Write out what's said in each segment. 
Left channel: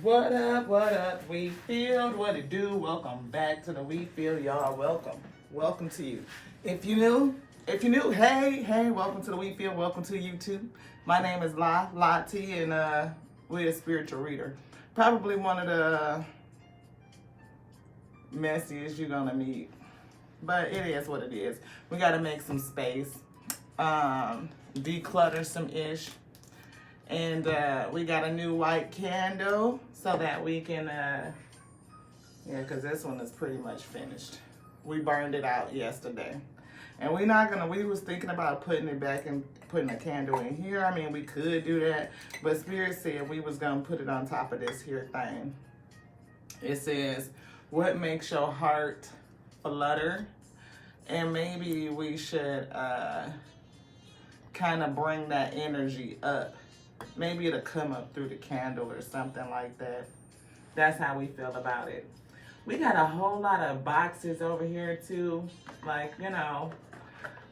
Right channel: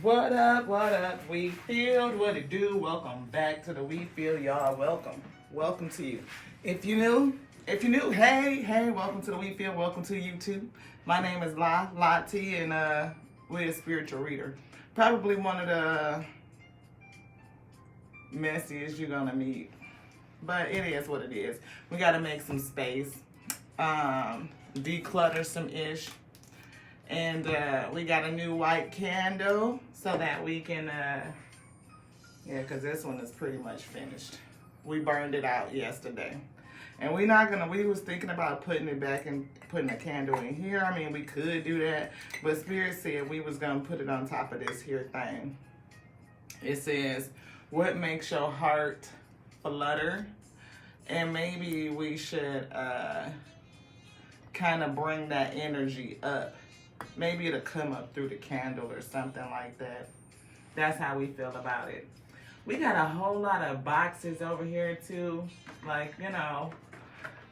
What up, We Field? What it do? Welcome back to the We Field, y'all. Welcome to you. If you new, hey, welcome to the We Field. Welcome to you too. My name is La T, and we're a spiritual reader. Probably one of the messiest you're gonna meet, but it is what it is. We gotta make some space, declutter some ish. And we got a new white candle so that we can, because this one is pretty much finished. We burned it out yesterday. And we was thinking about putting it back and putting a candle in here. I mean, we could do that, but Spirit said we was going to put it on top of this here thing. It says, what makes your heart flutter? And maybe we should kind of bring that energy up. Maybe it'll come up through the candle or something like that. That's how we feel about it. We got a whole lot of boxes over here too. Like,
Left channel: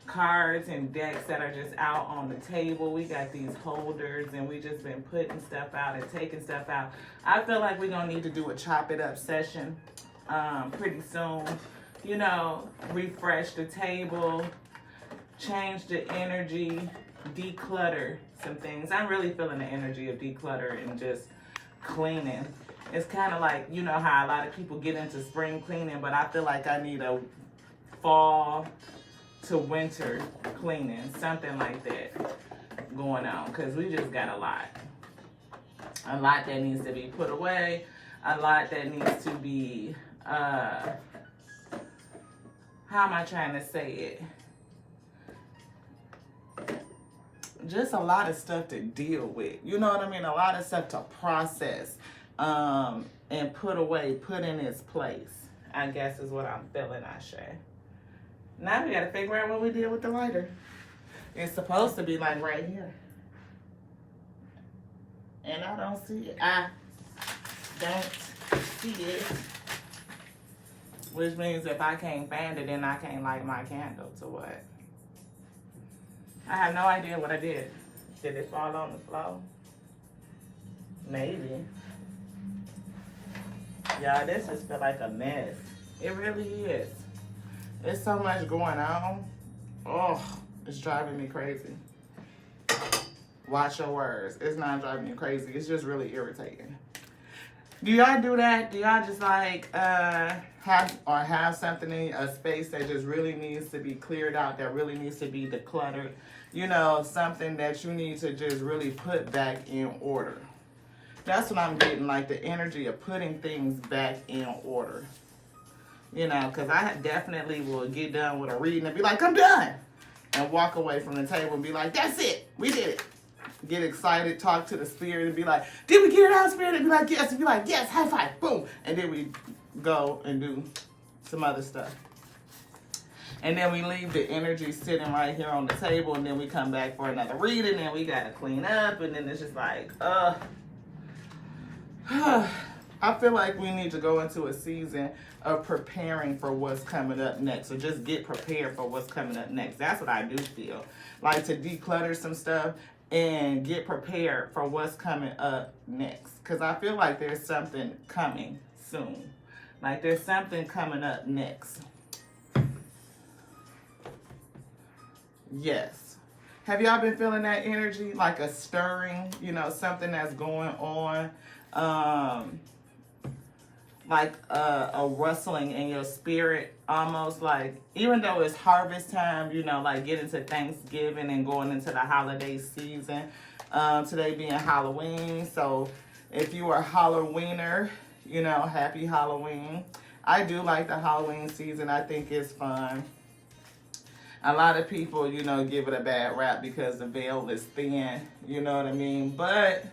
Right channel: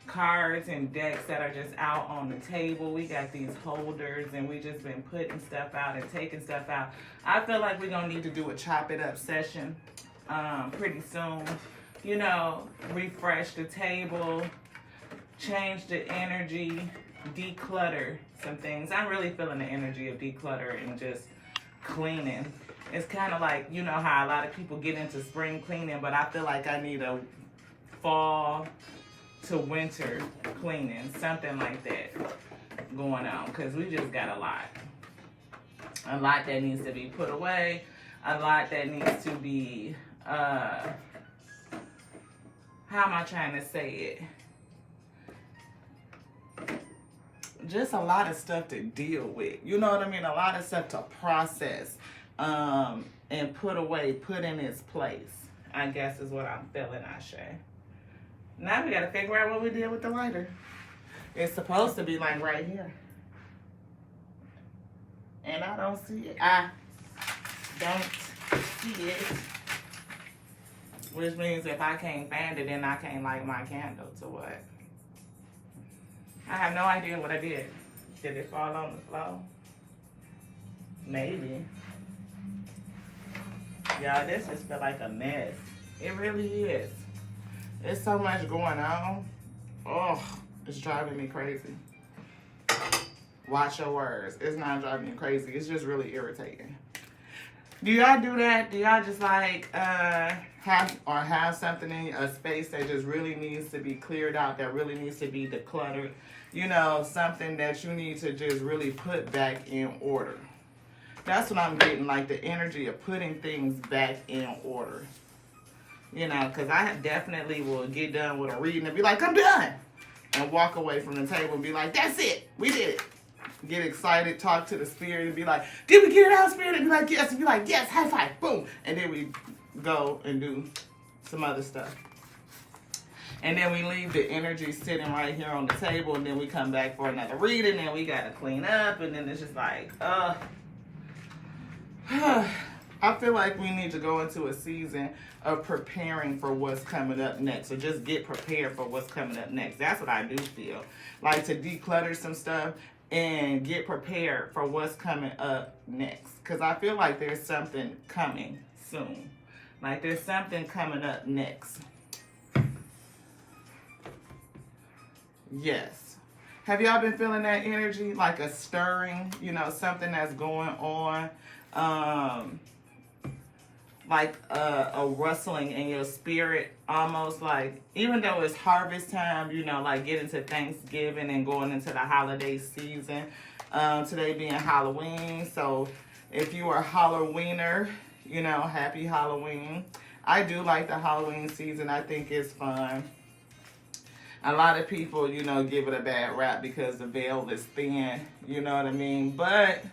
cards and decks that are just out on the table. We got these holders and we just been putting stuff out and taking stuff out. I feel like we're going to need to do a chop it up session pretty soon. Refresh the table, change the energy, declutter some things. I'm really feeling the energy of declutter and just cleaning. It's kind of like, how a lot of people get into spring cleaning, but I feel like I need a fall to winter cleaning, something like that going on, because we just got a lot that needs to be put away, a lot that needs to be how am I trying to say it? Just a lot of stuff to deal with. You know what I mean? A lot of stuff to process and put away, put in its place, I guess is what I'm feeling, Ashe. Now we got to figure out what we did with the lighter. It's supposed to be like right here. And I don't see it. I don't see it. Which means if I can't find it, then I can't light my candle. To what? I have no idea what I did. Did it fall on the floor? Maybe. Y'all, this just feel like a mess. It really is. It's so much going on. Oh, it's driving me crazy. Watch your words. It's not driving me crazy. It's just really irritating. Do y'all do that? Do y'all just like have something in a space that just really needs to be cleared out, that really needs to be decluttered? Something that you need to just really put back in order. That's what I'm getting, like the energy of putting things back in order. Because I definitely will get done with a reading and be like, I'm done. And walk away from the table and be like, that's it. We did it. Get excited, talk to the spirit and be like, did we get it out, spirit? And be like, yes. And be like, yes, high five, boom. And then we go and do some other stuff. And then we leave the energy sitting right here on the table, and then we come back for another reading, and we gotta clean up, and then it's just like, I feel like we need to go into a season of preparing for what's coming up next. So just get prepared for what's coming up next. That's what I do feel. Like to declutter some stuff and get prepared for what's coming up next. Because I feel like there's something coming soon. Like there's something coming up next. Yes. Have y'all been feeling that energy? Like a stirring, something that's going on. Like a rustling in your spirit, almost like, even though it's harvest time, like getting to Thanksgiving and going into the holiday season. Today being Halloween. So if you are a Halloweener, happy Halloween. I do like the Halloween season. I think it's fun. A lot of people, give it a bad rap because the veil is thin, you know what I mean? But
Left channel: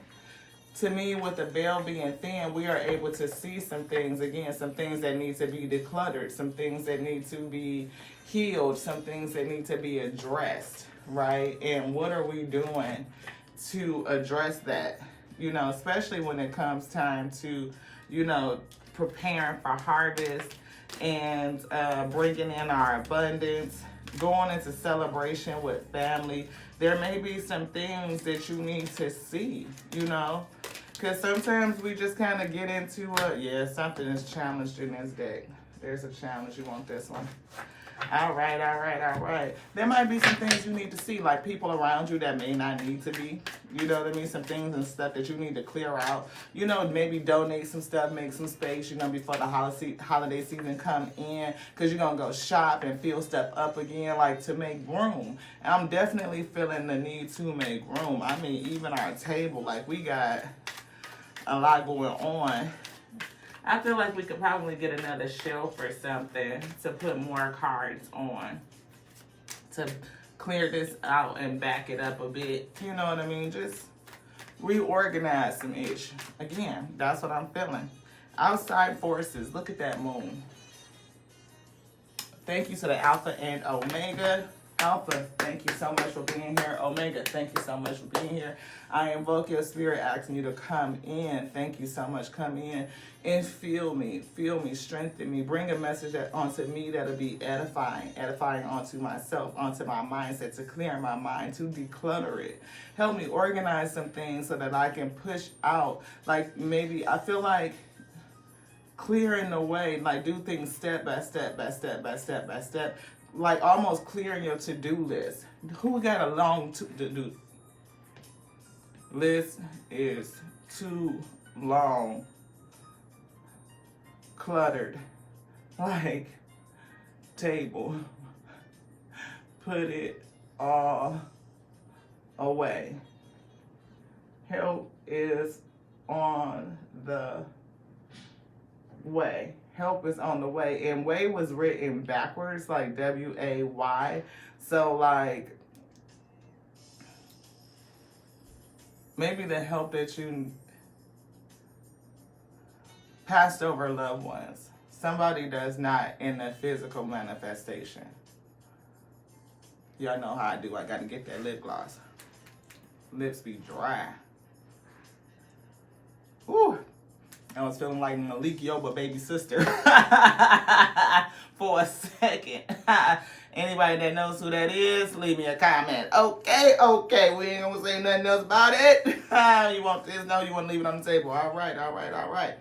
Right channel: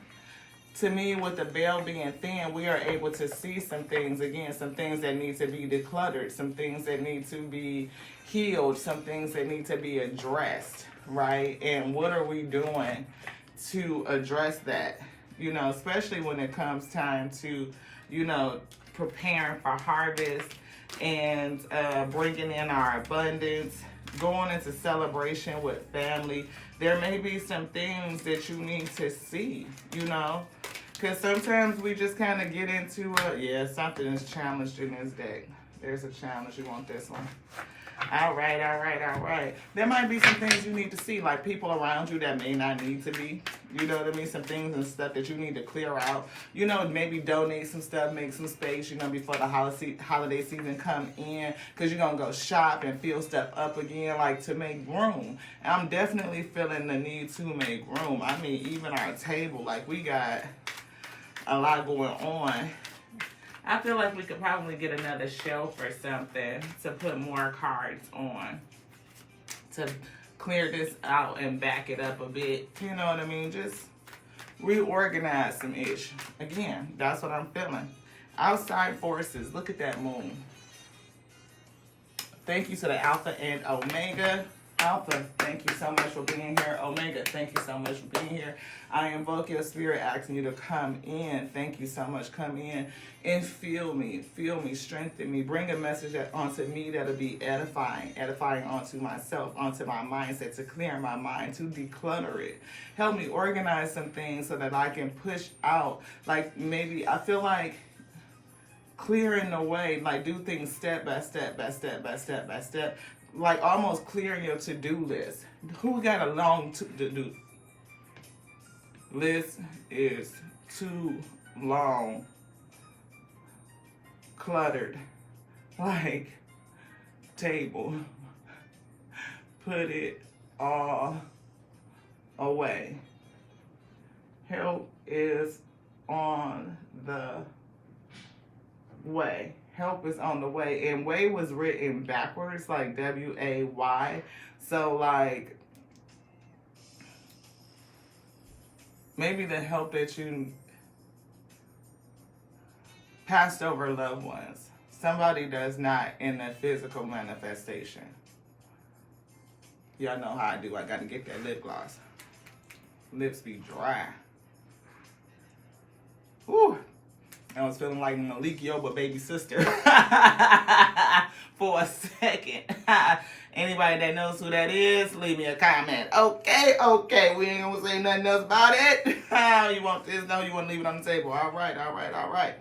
to me, with the veil being thin, we are able to see some things, again, some things that need to be decluttered, some things that need to be healed, some things that need to be addressed, right? And what are we doing to address that? Especially when it comes time to, preparing for harvest and bringing in our abundance, going into celebration with family. There may be some things that you need to see, Because sometimes we just kind of get into yeah, something is challenged in this deck. There's a challenge. You want this one. All right, all right, all right. There might be some things you need to see, like people around you that may not need to be. You know what I mean? Some things and stuff that you need to clear out. You know, maybe donate some stuff, make some space, you know, before the holiday season come in. Because you're going to go shop and fill stuff up again, like to make room. And I'm definitely feeling the need to make room. I mean, even our table, like we got a lot going on. I feel like we could probably get another shelf or something to put more cards on. To clear this out and back it up a bit. You know what I mean? Just reorganize some issues. Again, that's what I'm feeling. Outside forces. Look at that moon. Thank you to the Alpha and Omega. Alpha, thank you so much for being here. Omega, thank you so much for being here. I invoke your spirit asking you to come in. Thank you so much. Come in and feel me, strengthen me. Bring a message onto me that'll be edifying onto myself, onto my mindset, to clear my mind, to declutter it. Help me organize some things so that I can push out. Like maybe I feel like clearing the way, like do things step by step by step by step by step, like almost clearing your to-do list. Who got a long to-do list? Is too long, cluttered, like table. Put it all away. Help is on the way. Help is on the way. And way was written backwards, like W-A-Y. So like maybe the help that you passed over loved ones. Somebody that's not in the physical manifestation. Y'all know how I do. I got to get that lip gloss. Lips be dry. Whew. I was feeling like Malik Yoba baby sister for a second. Anybody that knows who that is, leave me a comment. Okay. We ain't gonna say nothing else about it. You want this? No, you want to leave it on the table. All right.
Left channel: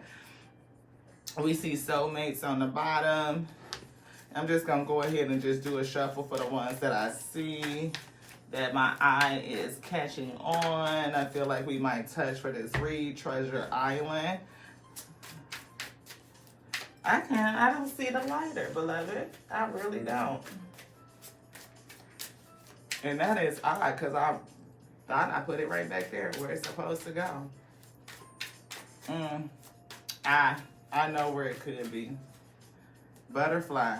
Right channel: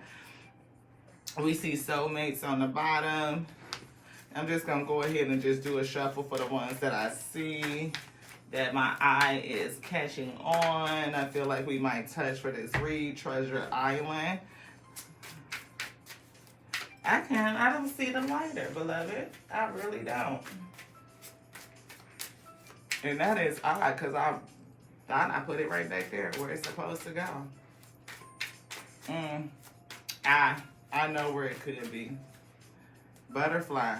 We see soulmates on the bottom. I'm just going to go ahead and just do a shuffle for the ones that I see that my eye is catching on. I feel like we might touch for this read, Treasure Island. I don't see the lighter, beloved. I really don't. And that is odd because I thought I put it right back there where it's supposed to go. I know where it could be. Butterfly.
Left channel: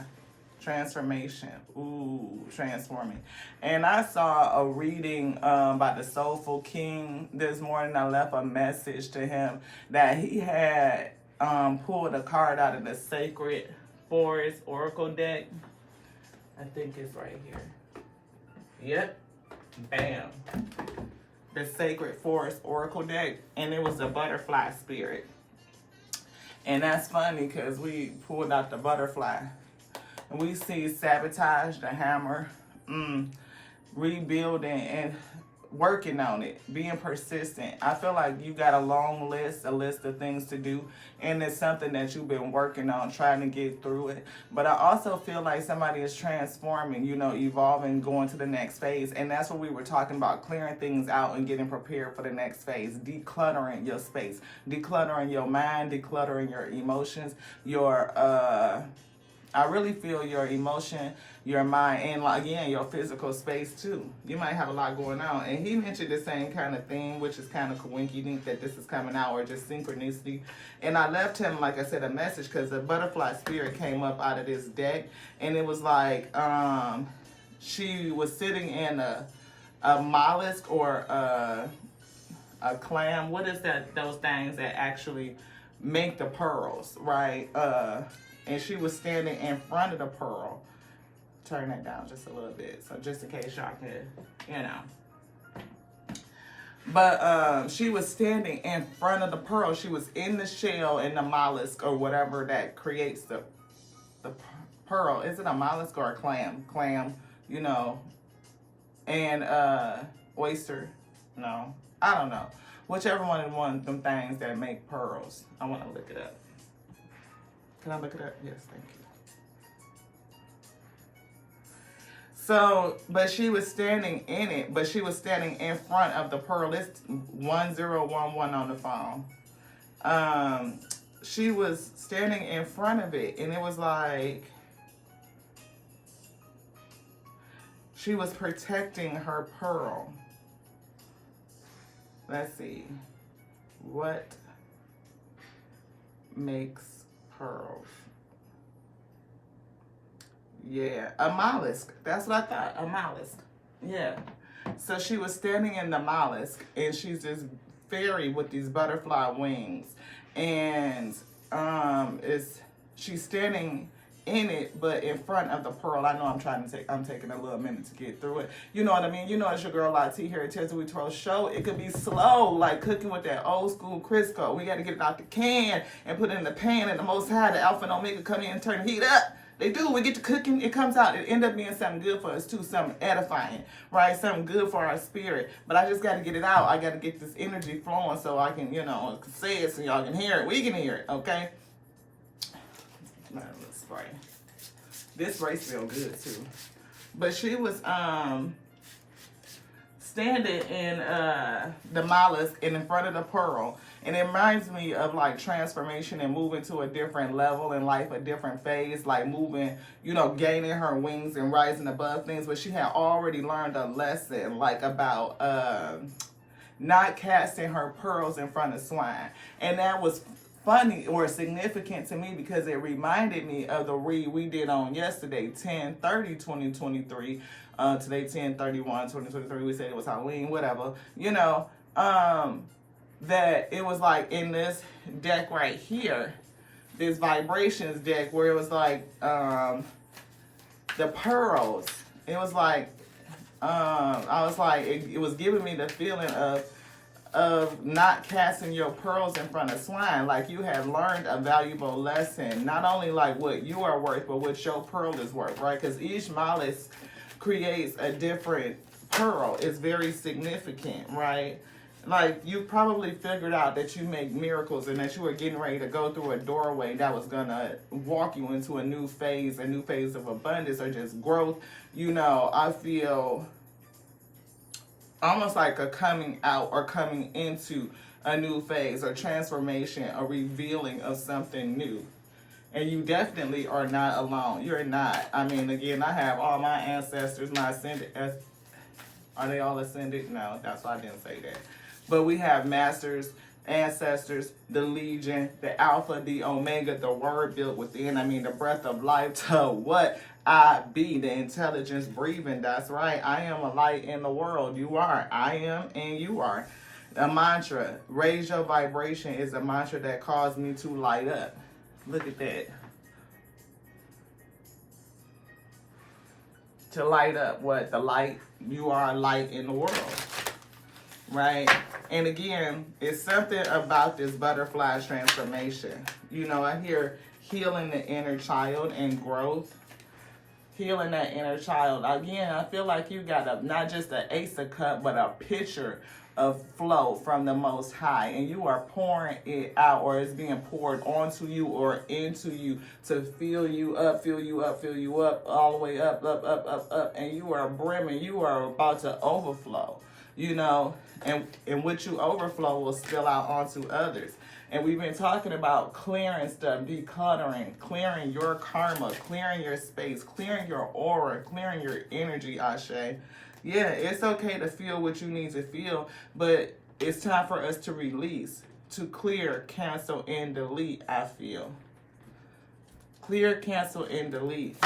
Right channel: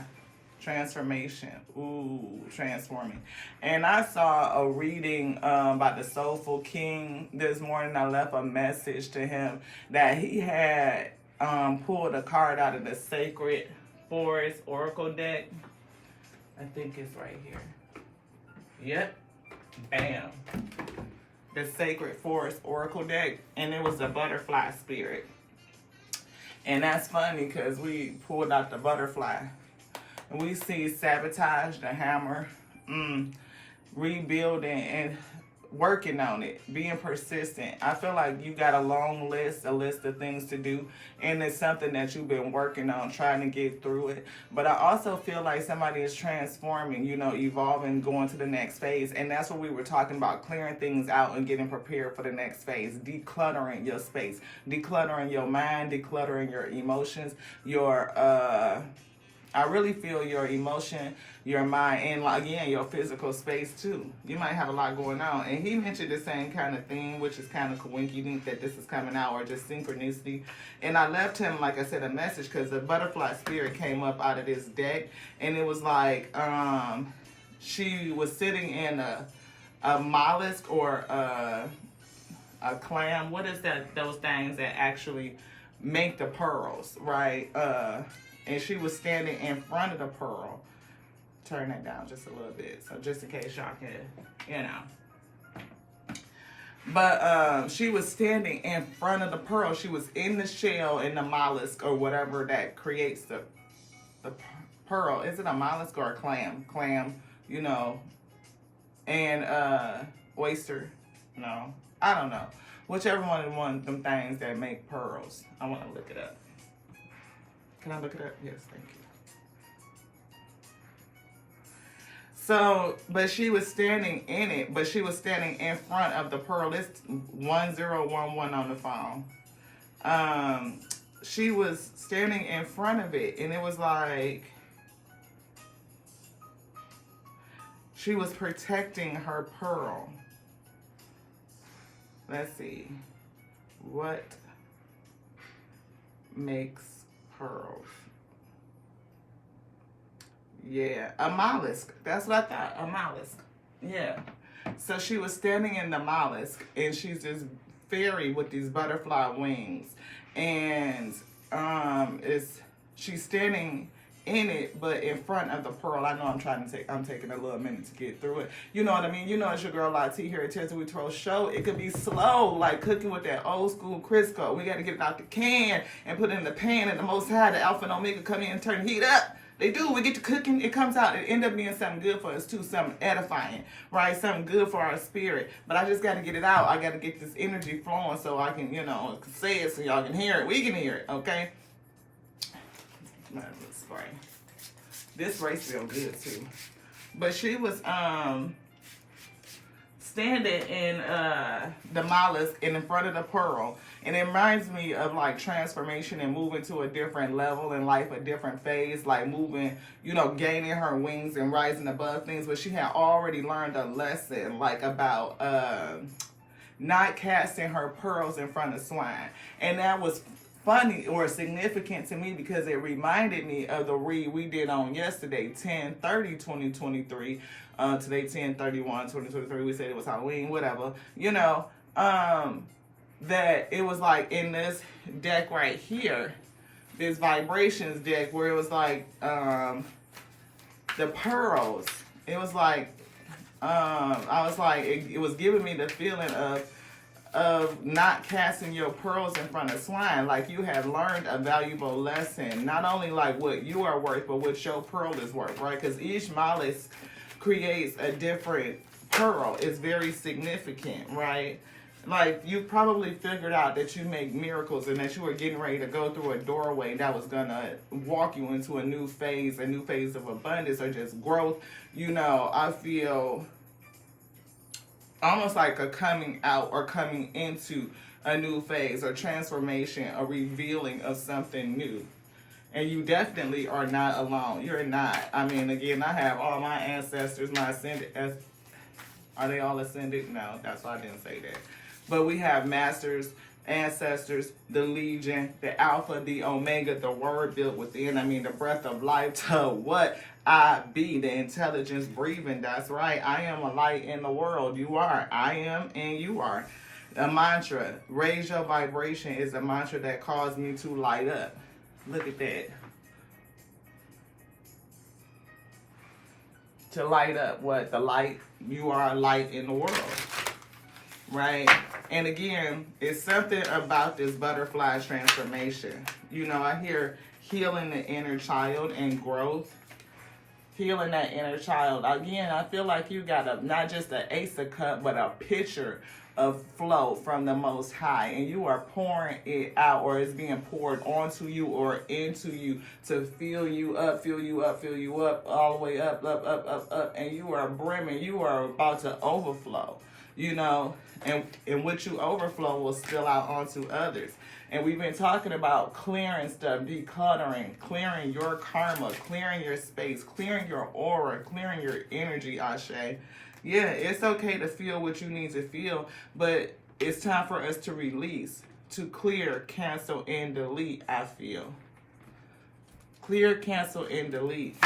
Transformation. Ooh, transforming. And I saw a reading about the Soulful King this morning. I left a message to him that he had pulled a card out of the Sacred Forest Oracle deck. I think it's right here. Yep. Bam. The Sacred Forest Oracle deck. And it was a butterfly spirit. And that's funny because we pulled out the butterfly. And we see sabotage, the hammer, rebuilding and working on it, being persistent. I feel like you got a long list, a list of things to do, and it's something that you've been working on, trying to get through it. But I also feel like somebody is transforming, you know, evolving, going to the next phase. And that's what we were talking about, clearing things out and getting prepared for the next phase, decluttering your space, decluttering your mind, decluttering your emotions, I really feel your emotion, your mind, and again, your physical space too. You might have a lot going on. And he mentioned the same kind of thing, which is kind of coincidence that this is coming out, or just synchronicity. And I left him, like I said, a message because the butterfly spirit came up out of this deck. And it was like she was sitting in a mollusk or a clam. What is that? Those things that actually make the pearls, right? And she was standing in front of the pearl. Turn that down just a little bit, so just in case y'all can, you know. But she was standing in front of the pearl. She was in the shell, in the mollusk or whatever that creates the pearl. Is it a mollusk or a clam? Clam, you know. And oyster, no, I don't know. Whichever one of them things that make pearls. I want to look it up. Can I look it up? Yes, thank you. So, but she was standing in it, but she was standing in front of the pearl. It's 1011 on the phone. She was standing in front of it, and it was like she was protecting her pearl. Let's see. What makes pearls? Yeah, a mollusk. That's what I thought. A mollusk. Yeah. So she was standing in the mollusk, and she's this fairy with these butterfly wings, and she's standing in it, but in front of the pearl. I know I'm taking a little minute to get through it. You know what I mean? You know, it's your girl Lati here at Tens We 12 Show. It could be slow, like cooking with that old school Crisco. We got to get it out the can and put it in the pan, and the Most High, the Alpha and Omega, come in and turn the heat up. They do. We get to cooking. It comes out. It end up being something good for us too. Something edifying, right? Something good for our spirit. But I just got to get it out. I got to get this energy flowing so I can, say it so y'all can hear it. We can hear it, okay? Spray. This spray feels good too. But she was standing in the mollusk and in front of the pearl. And it reminds me of like transformation and moving to a different level in life, a different phase, like moving, gaining her wings and rising above things. But she had already learned a lesson like about not casting her pearls in front of swine. And that was funny or significant to me because it reminded me of the read we did on yesterday, 10/30/2023. Today, 10/31/2023. We said it was Halloween, whatever. That it was like in this deck right here, this vibrations deck where it was like the pearls. It was like I was like it was giving me the feeling of not casting your pearls in front of swine. Like you had learned a valuable lesson, not only like what you are worth, but what your pearl is worth, right? Because each mollusk creates a different pearl. It's very significant, right? Like, you probably figured out that you make miracles and that you were getting ready to go through a doorway that was going to walk you into a new phase of abundance or just growth. I feel almost like a coming out or coming into a new phase, a transformation, a revealing of something new. And you definitely are not alone. You're not. I mean, again, I have all my ancestors, my ascended. Are they all ascended? No, that's why I didn't say that. But we have masters, ancestors, the legion, the alpha, the omega, the word built within. I mean, the breath of life to what I be, the intelligence breathing. That's right. I am a light in the world. You are. I am and you are. A mantra, raise your vibration, is a mantra that caused me to light up. Look at that. To light up what? The light. You are a light in the world. Right? And again, it's something about this butterfly transformation. I hear healing the inner child and growth. Healing that inner child. Again, I feel like you got not just an Ace of Cups, but a pitcher of flow from the Most High. And you are pouring it out, or it's being poured onto you or into you to fill you up, all the way up. And you are brimming. You are about to overflow. And what you overflow will spill out onto others. And we've been talking about clearing stuff, decluttering, clearing your karma, clearing your space, clearing your aura, clearing your energy, Ashe. Yeah, it's okay to feel what you need to feel, but it's time for us to release, to clear, cancel, and delete, I feel. Clear, cancel, and delete.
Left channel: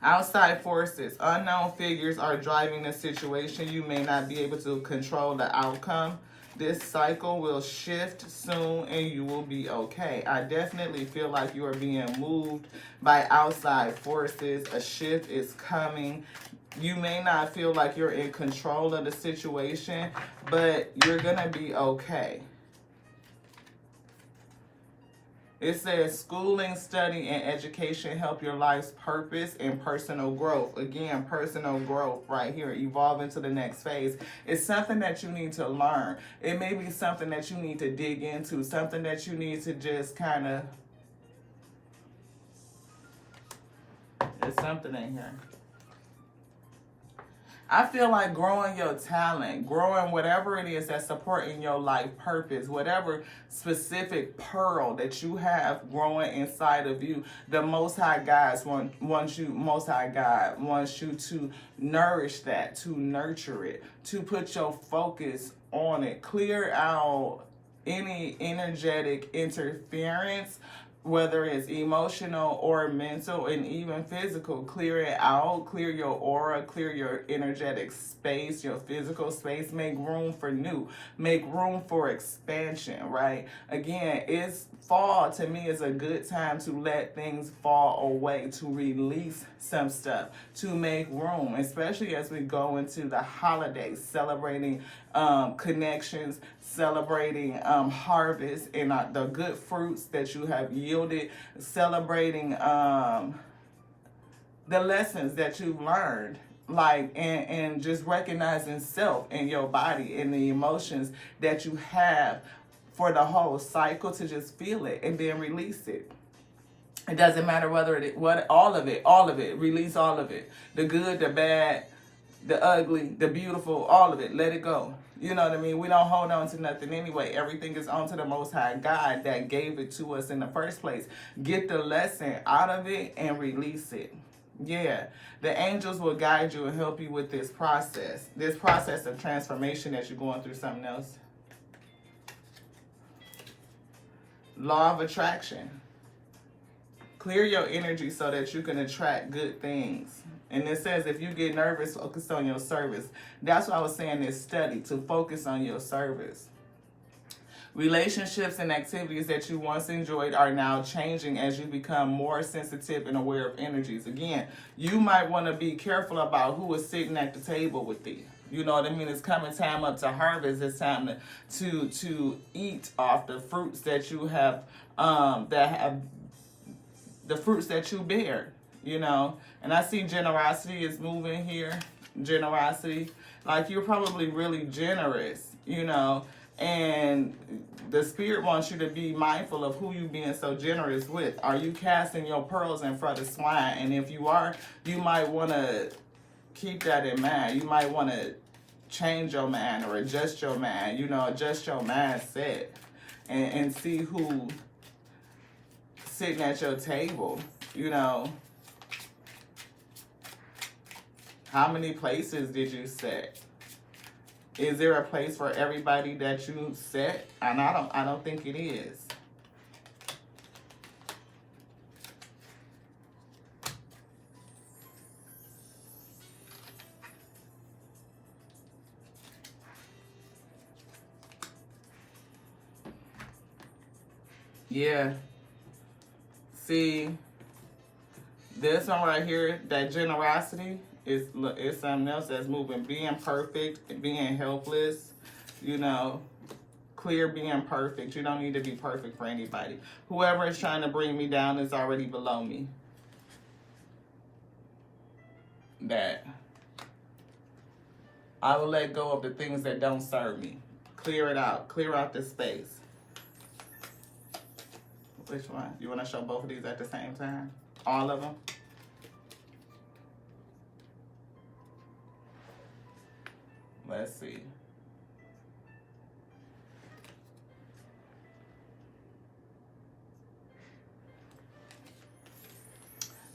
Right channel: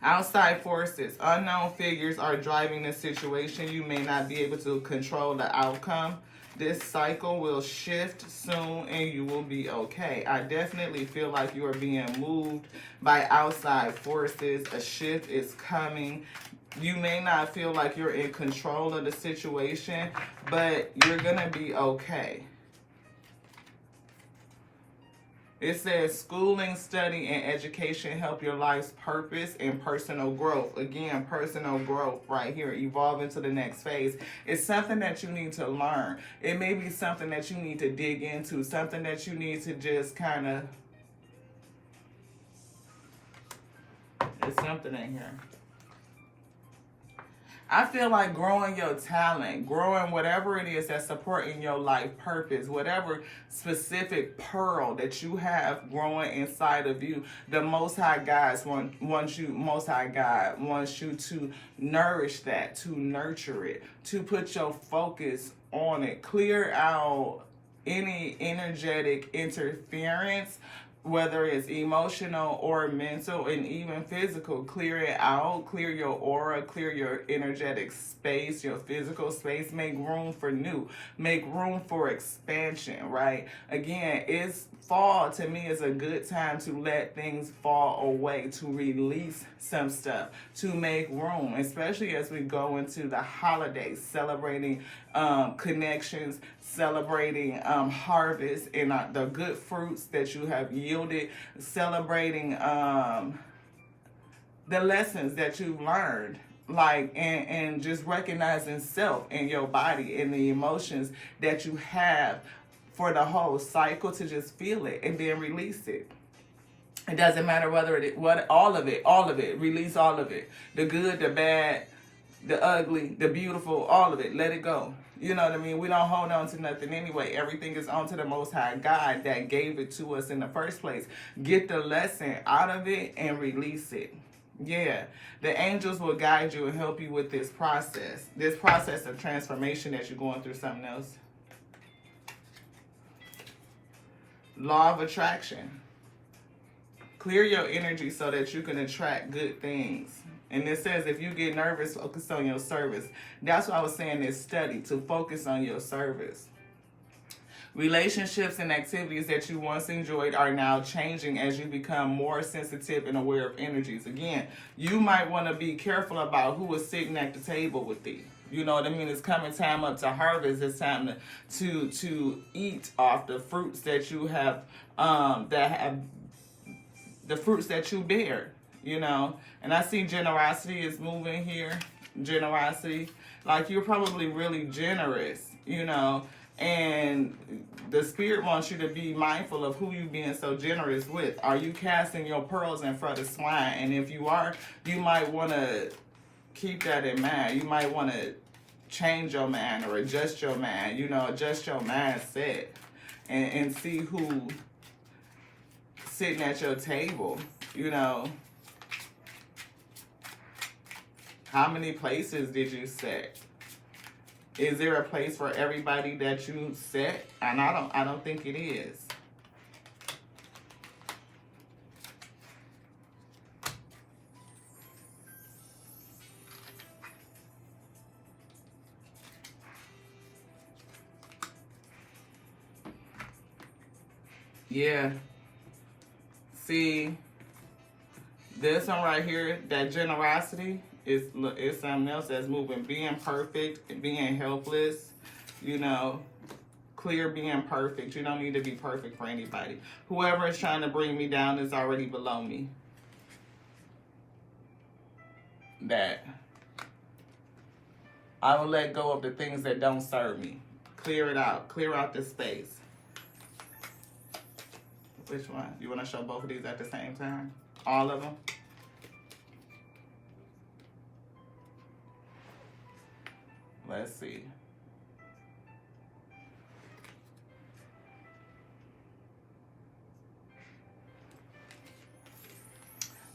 Outside forces, unknown figures are driving the situation. You may not be able to control the outcome. This cycle will shift soon and you will be okay. I definitely feel like you are being moved by outside forces. A shift is coming. You may not feel like you're in control of the situation, but you're going to be okay. It says schooling, study, and education help your life's purpose and personal growth. Again, personal growth right here, evolving to the next phase. It's something that you need to learn. It may be something that you need to dig into, something that you need to just kind of, there's something in here. I feel like growing your talent, growing whatever it is that's supporting your life purpose, whatever specific pearl that you have growing inside of you, the Most High God wants you to nourish that, to nurture it, to put your focus on it, clear out any energetic interference, whether it's emotional or mental and even physical. Clear it out, clear your aura, clear your energetic space, your physical space. Make room for new, make room for expansion, right? Again, it's fall to me is a good time to let things fall away, to release some stuff, to make room, especially as we go into the holidays, celebrating connections, celebrating harvest and the good fruits that you have yielded, celebrating the lessons that you've learned, like, and just recognizing self and your body and the emotions that you have for the whole cycle, to just feel it and then release it. It doesn't matter all of it, release all of it. The good, the bad, the ugly, the beautiful, all of it. Let it go. You know what I mean? We don't hold on to nothing anyway. Everything is on to the Most High God that gave it to us in the first place. Get the lesson out of it and release it. Yeah. The angels will guide you and help you with this process of transformation that you're going through something else. Law of attraction. Clear your energy so that you can attract good things. And it says if you get nervous, focus on your service. That's why I was saying this study, to focus on your service. Relationships and activities that you once enjoyed are now changing as you become more sensitive and aware of energies. Again, you might want to be careful about who is sitting at the table with you. You know what I mean? It's coming time up to harvest. It's time to eat off the fruits that you have, the fruits that you bear, you know. And I see generosity is moving here. Generosity. Like, you're probably really generous, you know. And the spirit wants you to be mindful of who you're being so generous with. Are you casting your pearls in front of swine? And if you are, you might want to keep that in mind. You might want to change your mind or adjust your mind, you know, adjust your mindset and see who sitting at your table, you know. How many places did you set? Is there a place for everybody that you set? And I don't think it is. Yeah. See, this one right here, that generosity, is something else that's moving. Being perfect, being helpless, you know, clear being perfect. You don't need to be perfect for anybody. Whoever is trying to bring me down is already below me. That I will let go of the things that don't serve me. Clear it out. Clear out this space. Which one? You want to show both of these at the same time? All of them? Let's see.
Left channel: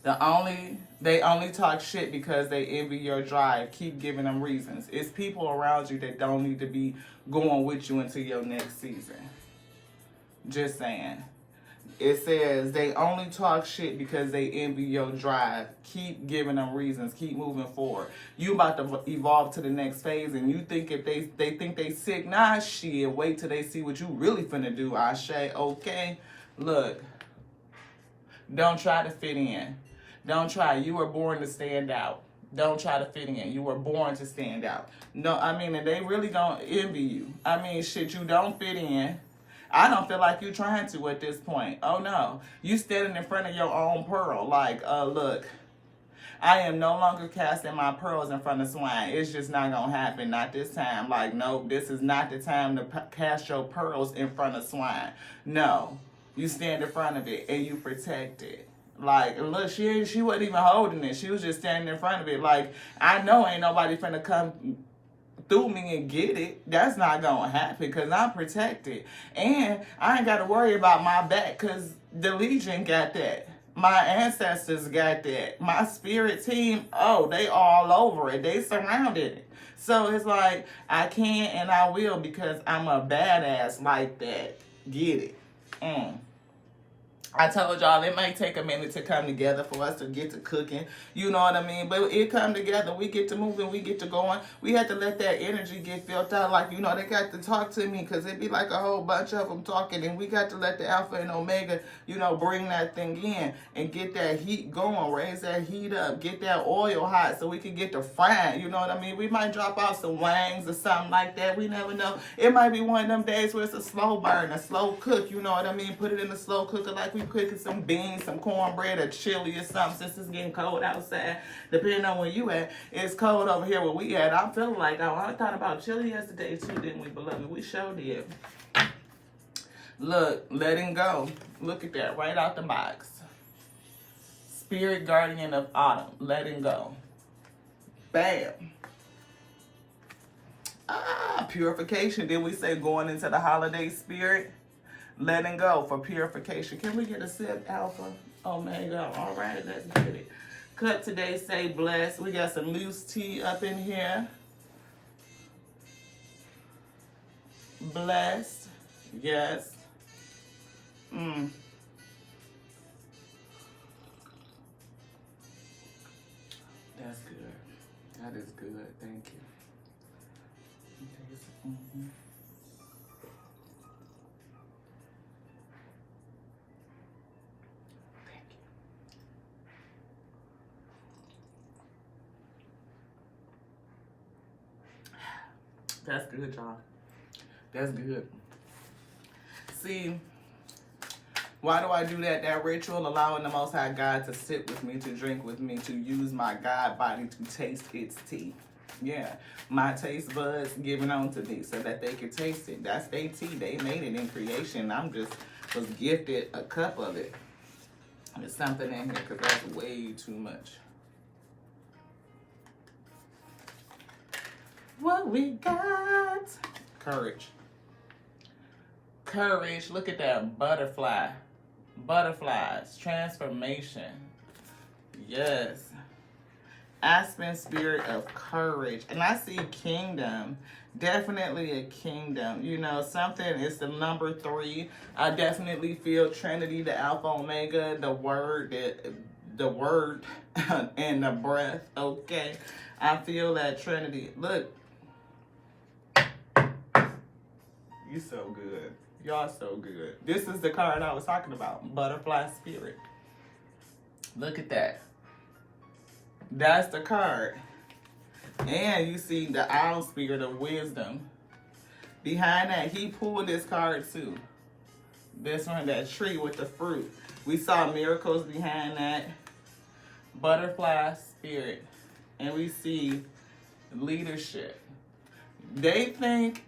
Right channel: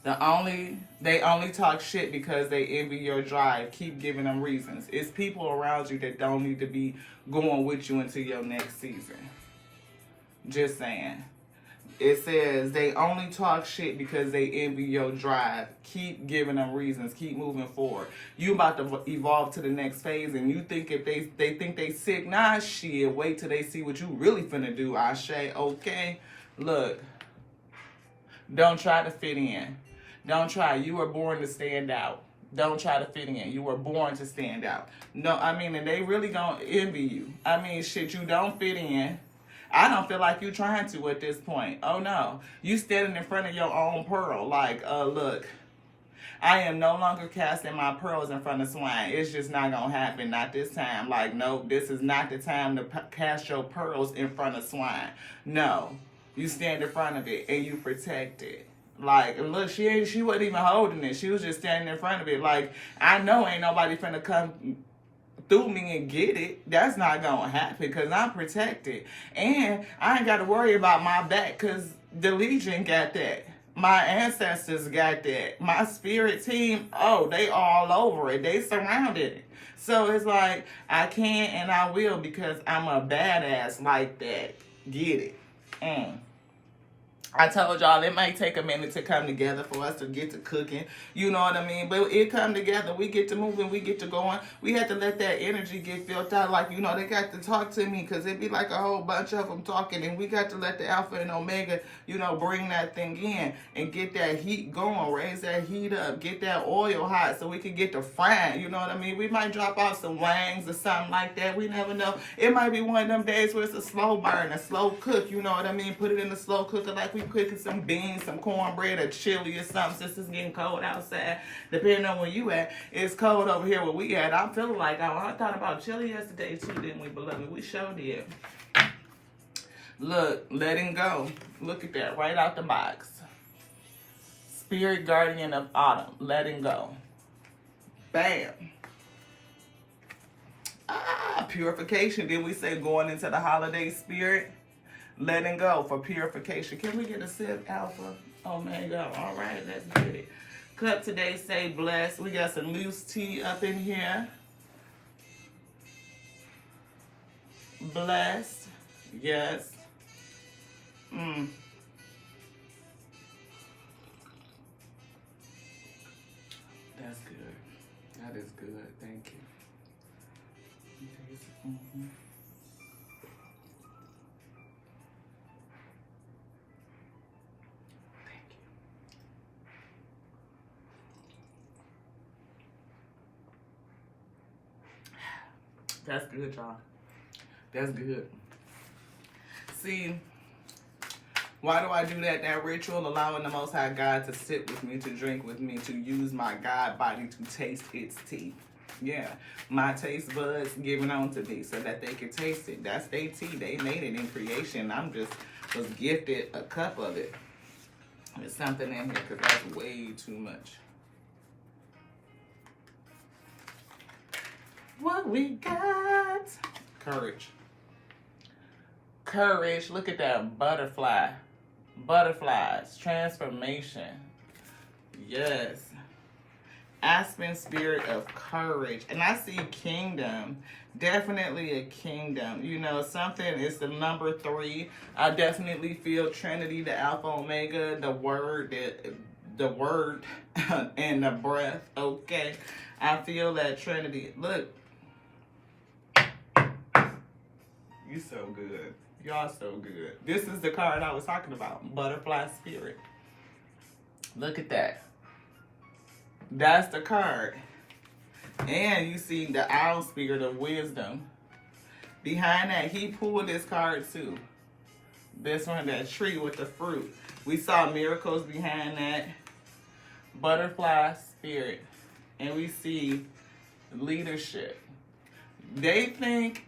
They only talk shit because they envy your drive. Keep giving them reasons. It's people around you that don't need to be going with you into your next season. Just saying. It says they only talk shit because they envy your drive. Keep giving them reasons. Keep moving forward. You about to evolve to the next phase, and you think if they think they sick, nah, shit. Wait till they see what you really finna do. Ashe, okay. Look, don't try to fit in. Don't try. You were born to stand out. Don't try to fit in. You were born to stand out. No, I mean, and they really gonna envy you. I mean, shit, you don't fit in. I don't feel like you trying to at this point. Oh no. You standing in front of your own pearl. Like, look, I am no longer casting my pearls in front of swine. It's just not going to happen. Not this time. Like, nope, this is not the time to cast your pearls in front of swine. No. You stand in front of it and you protect it. Like, look, she wasn't even holding it. She was just standing in front of it. Like, I know ain't nobody finna come through me and get it. That's not gonna happen because I'm protected. And I ain't got to worry about my back because the Legion got that. My ancestors got that. My spirit team, oh, they all over it. They surrounded it. So it's like, I can and I will because I'm a badass like that. Get it. I told y'all it might take a minute to come together for us to get to cooking. You know what I mean? But it come together. We get to moving. We get to going. We had to let that energy get filled out. Like, you know, they got to talk to me because it'd be like a whole bunch of them talking. And we got to let the Alpha and Omega, you know, bring that thing in and get that heat going. Raise that heat up. Get that oil hot so we can get the frying. You know what I mean? We might drop out some wangs or something like that. We never know. It might be one of them days where it's a slow burn, a slow cook. You know what I mean? Put it in the slow cooker like we cooking some beans, some cornbread, or chili or something since it's getting cold outside. Depending on where you at. It's cold over here where we at. I'm feeling like I thought about chili yesterday too, didn't we, beloved? We sure did. Look, letting go. Look at that, right out the box. Spirit guardian of autumn, letting go. Bam. Purification. Didn't we say going into the holiday spirit? Letting go for purification. Can we get a sip, Alpha? Omega. All right, let's get it. Cup today say blessed. We got some loose tea up in here. Blessed. Yes. That's good. That is good. Thank you. That's good, y'all. That's good. See, why do I do that? That ritual, allowing the Most High God to sit with me, to drink with me, to use my God body to taste its tea. Yeah, my taste buds giving on to me so that they can taste it. That's their tea. They made it in creation. I'm just was gifted a cup of it. There's something in here because that's way too much. What we got? Courage. Courage. Look at that butterfly. Butterflies. Transformation. Yes. Aspen spirit of courage. And I see kingdom. Definitely a kingdom. You know, something is the number 3. I definitely feel Trinity, the Alpha Omega, the word, and the breath. Okay. I feel that Trinity. Look. You so good. Y'all so good. This is the card I was talking about. Butterfly spirit. Look at that. That's the card. And you see the owl spirit of wisdom. Behind that, he pulled this card too. This one, that tree with the fruit. We saw miracles behind that. Butterfly spirit. And we see leadership. They think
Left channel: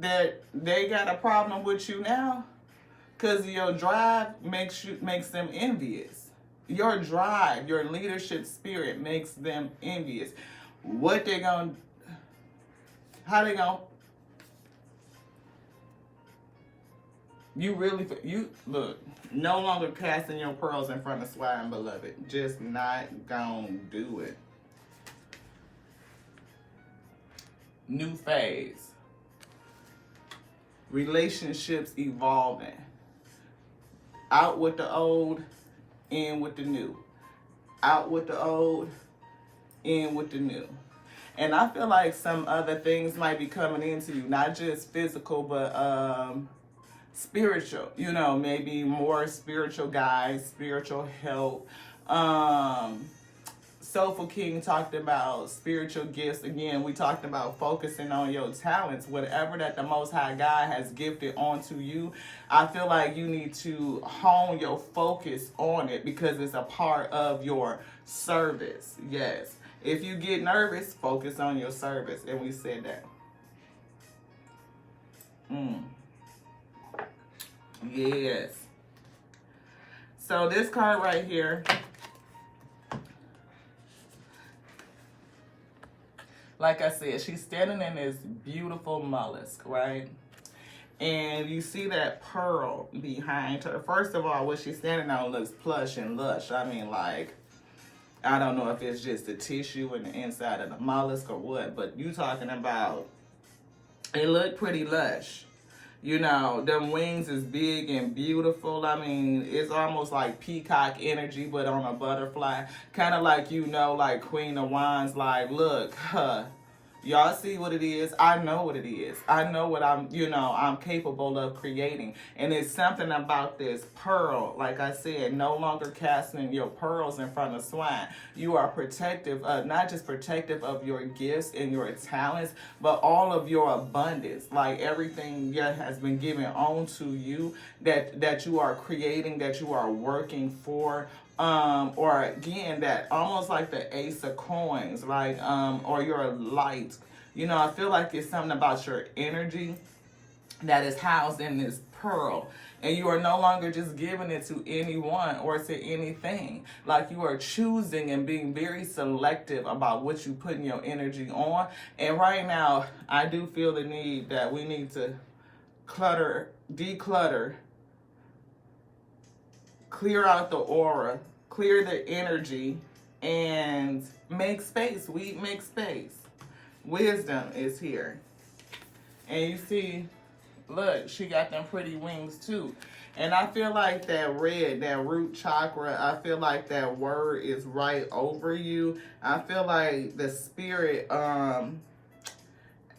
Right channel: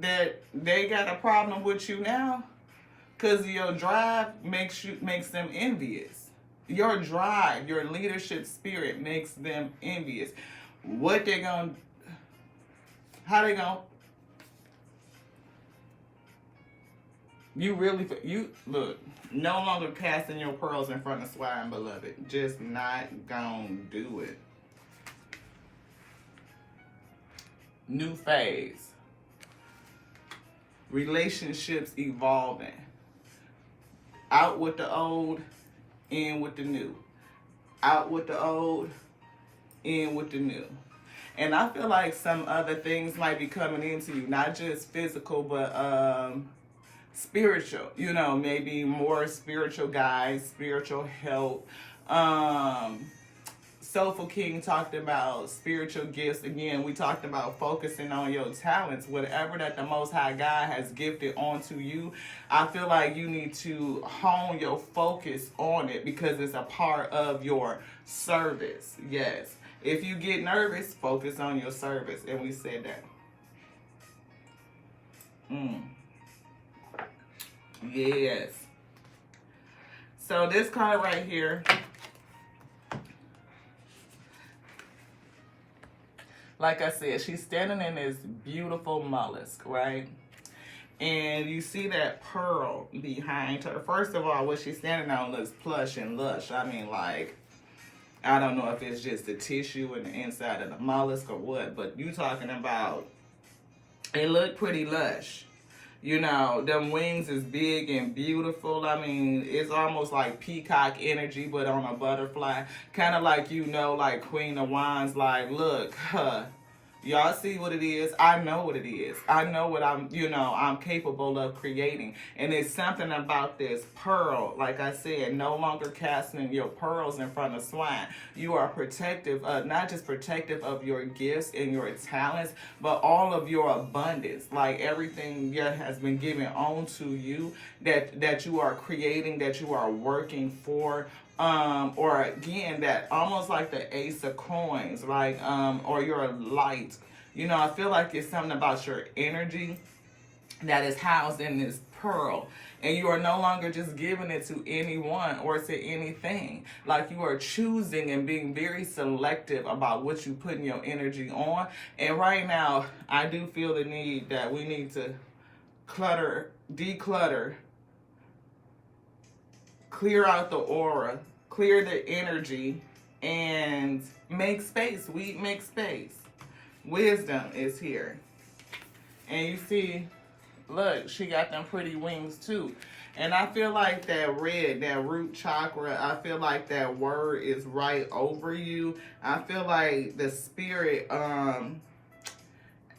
that they got a problem with you now because your drive makes them envious. Your drive, your leadership spirit makes them envious. What they gonna, how they gonna, you look, no longer casting your pearls in front of swine, beloved. Just not gonna do it. New phase. Relationships evolving. Out with the old, in with the new. Out with the old, in with the new. And I feel like some other things might be coming into you, not just physical, but spiritual. You know, maybe more spiritual guys, spiritual help. Soulful King talked about spiritual gifts. Again, we talked about focusing on your talents. Whatever that the Most High God has gifted onto you, I feel like you need to hone your focus on it because it's a part of your service. Yes. If you get nervous, focus on your service. And we said that. Yes. So this card right here, like I said, she's standing in this beautiful mollusk, right? And you see that pearl behind her. First of all, what she's standing on looks plush and lush. I mean, like, I don't know if it's just the tissue in the inside of the mollusk or what, but you talking about, it looked pretty lush. You know, them wings is big and beautiful. I mean, it's almost like peacock energy, but on a butterfly. Kind of like, you know, like Queen of Wands, like, look, y'all see what it is? I know what it is. I know what I'm capable of creating. And it's something about this pearl, like I said, no longer casting your pearls in front of swine. You are protective, not just protective of your gifts and your talents, but all of your abundance, like everything that has been given onto you, that you are creating, that you are working for. Or again, that almost like the Ace of Coins, like, or your light. You know, I feel like it's something about your energy that is housed in this pearl. And you are no longer just giving it to anyone or to anything. Like you are choosing and being very selective about what you put in your energy on. And right now, I do feel the need that we need to declutter, clear out the aura, clear the energy, and make space. We make space. Wisdom is here. And you see, look, she got them pretty wings too. And I feel like that red, that root chakra, I feel like that word is right over you. I feel like the spirit,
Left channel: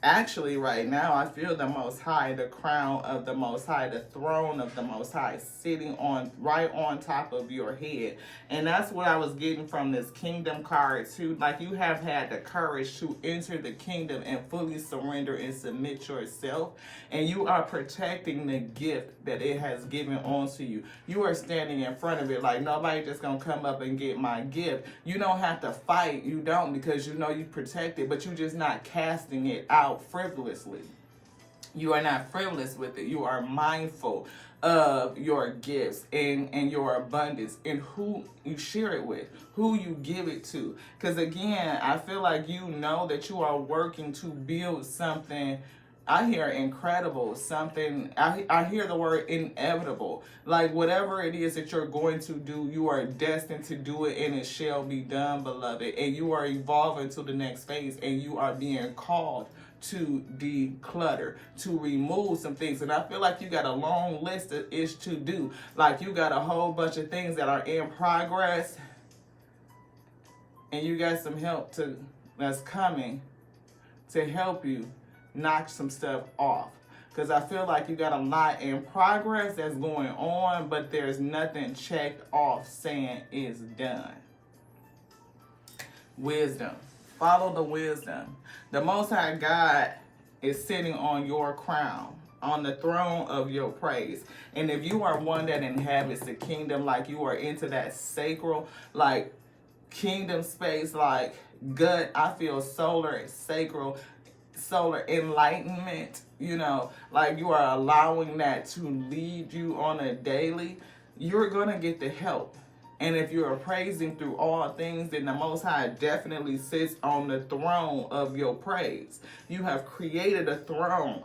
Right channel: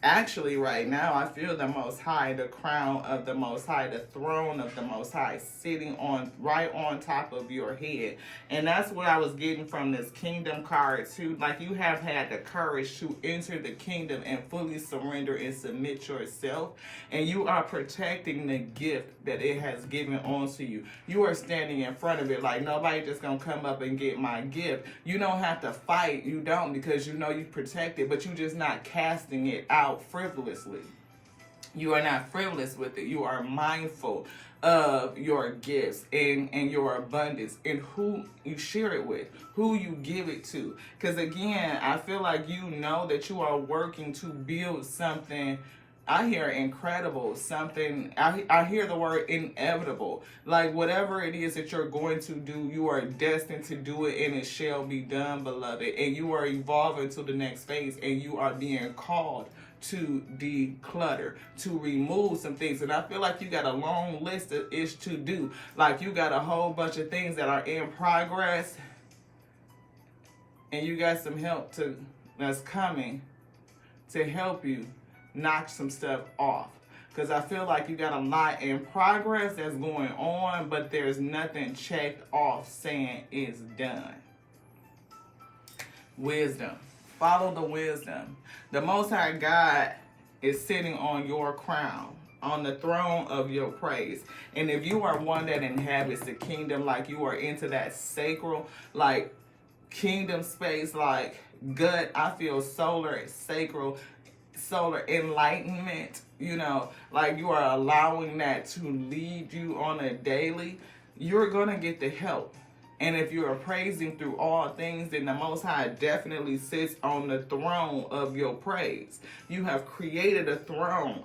actually, right now, I feel the Most High, the crown of the Most High, the throne of the Most High, sitting right on top of your head. And that's what I was getting from this kingdom card, too. Like, you have had the courage to enter the kingdom and fully surrender and submit yourself. And you are protecting the gift that it has given onto you. You are standing in front of it like nobody just going to come up and get my gift. You don't have to fight. You don't, because you know you protect it, but you're just not casting it out frivolously. You are not frivolous with it. You are mindful of your gifts and your abundance and who you share it with, who you give it to. Because again, I feel like you know that you are working to build something. I hear incredible, something, I hear the word inevitable. Like whatever it is that you're going to do, you are destined to do it and it shall be done, beloved. And you are evolving to the next phase and you are being called to declutter, to remove some things. And I feel like you got a long list of ish to do. Like you got a whole bunch of things that are in progress and you got some help that's coming to help you knock some stuff off. Because I feel like you got a lot in progress that's going on, but there's nothing checked off saying it's done. Wisdom. Follow the wisdom. The Most High God is sitting on your crown, on the throne of your praise. And if you are one that inhabits the kingdom, like you are into that sacral, like kingdom space, like gut, I feel solar, sacral, solar enlightenment, you know, like you are allowing that to lead you on a daily, you're going to get the help. And if you are praising through all things, then the Most High definitely sits on the throne of your praise. You have created a throne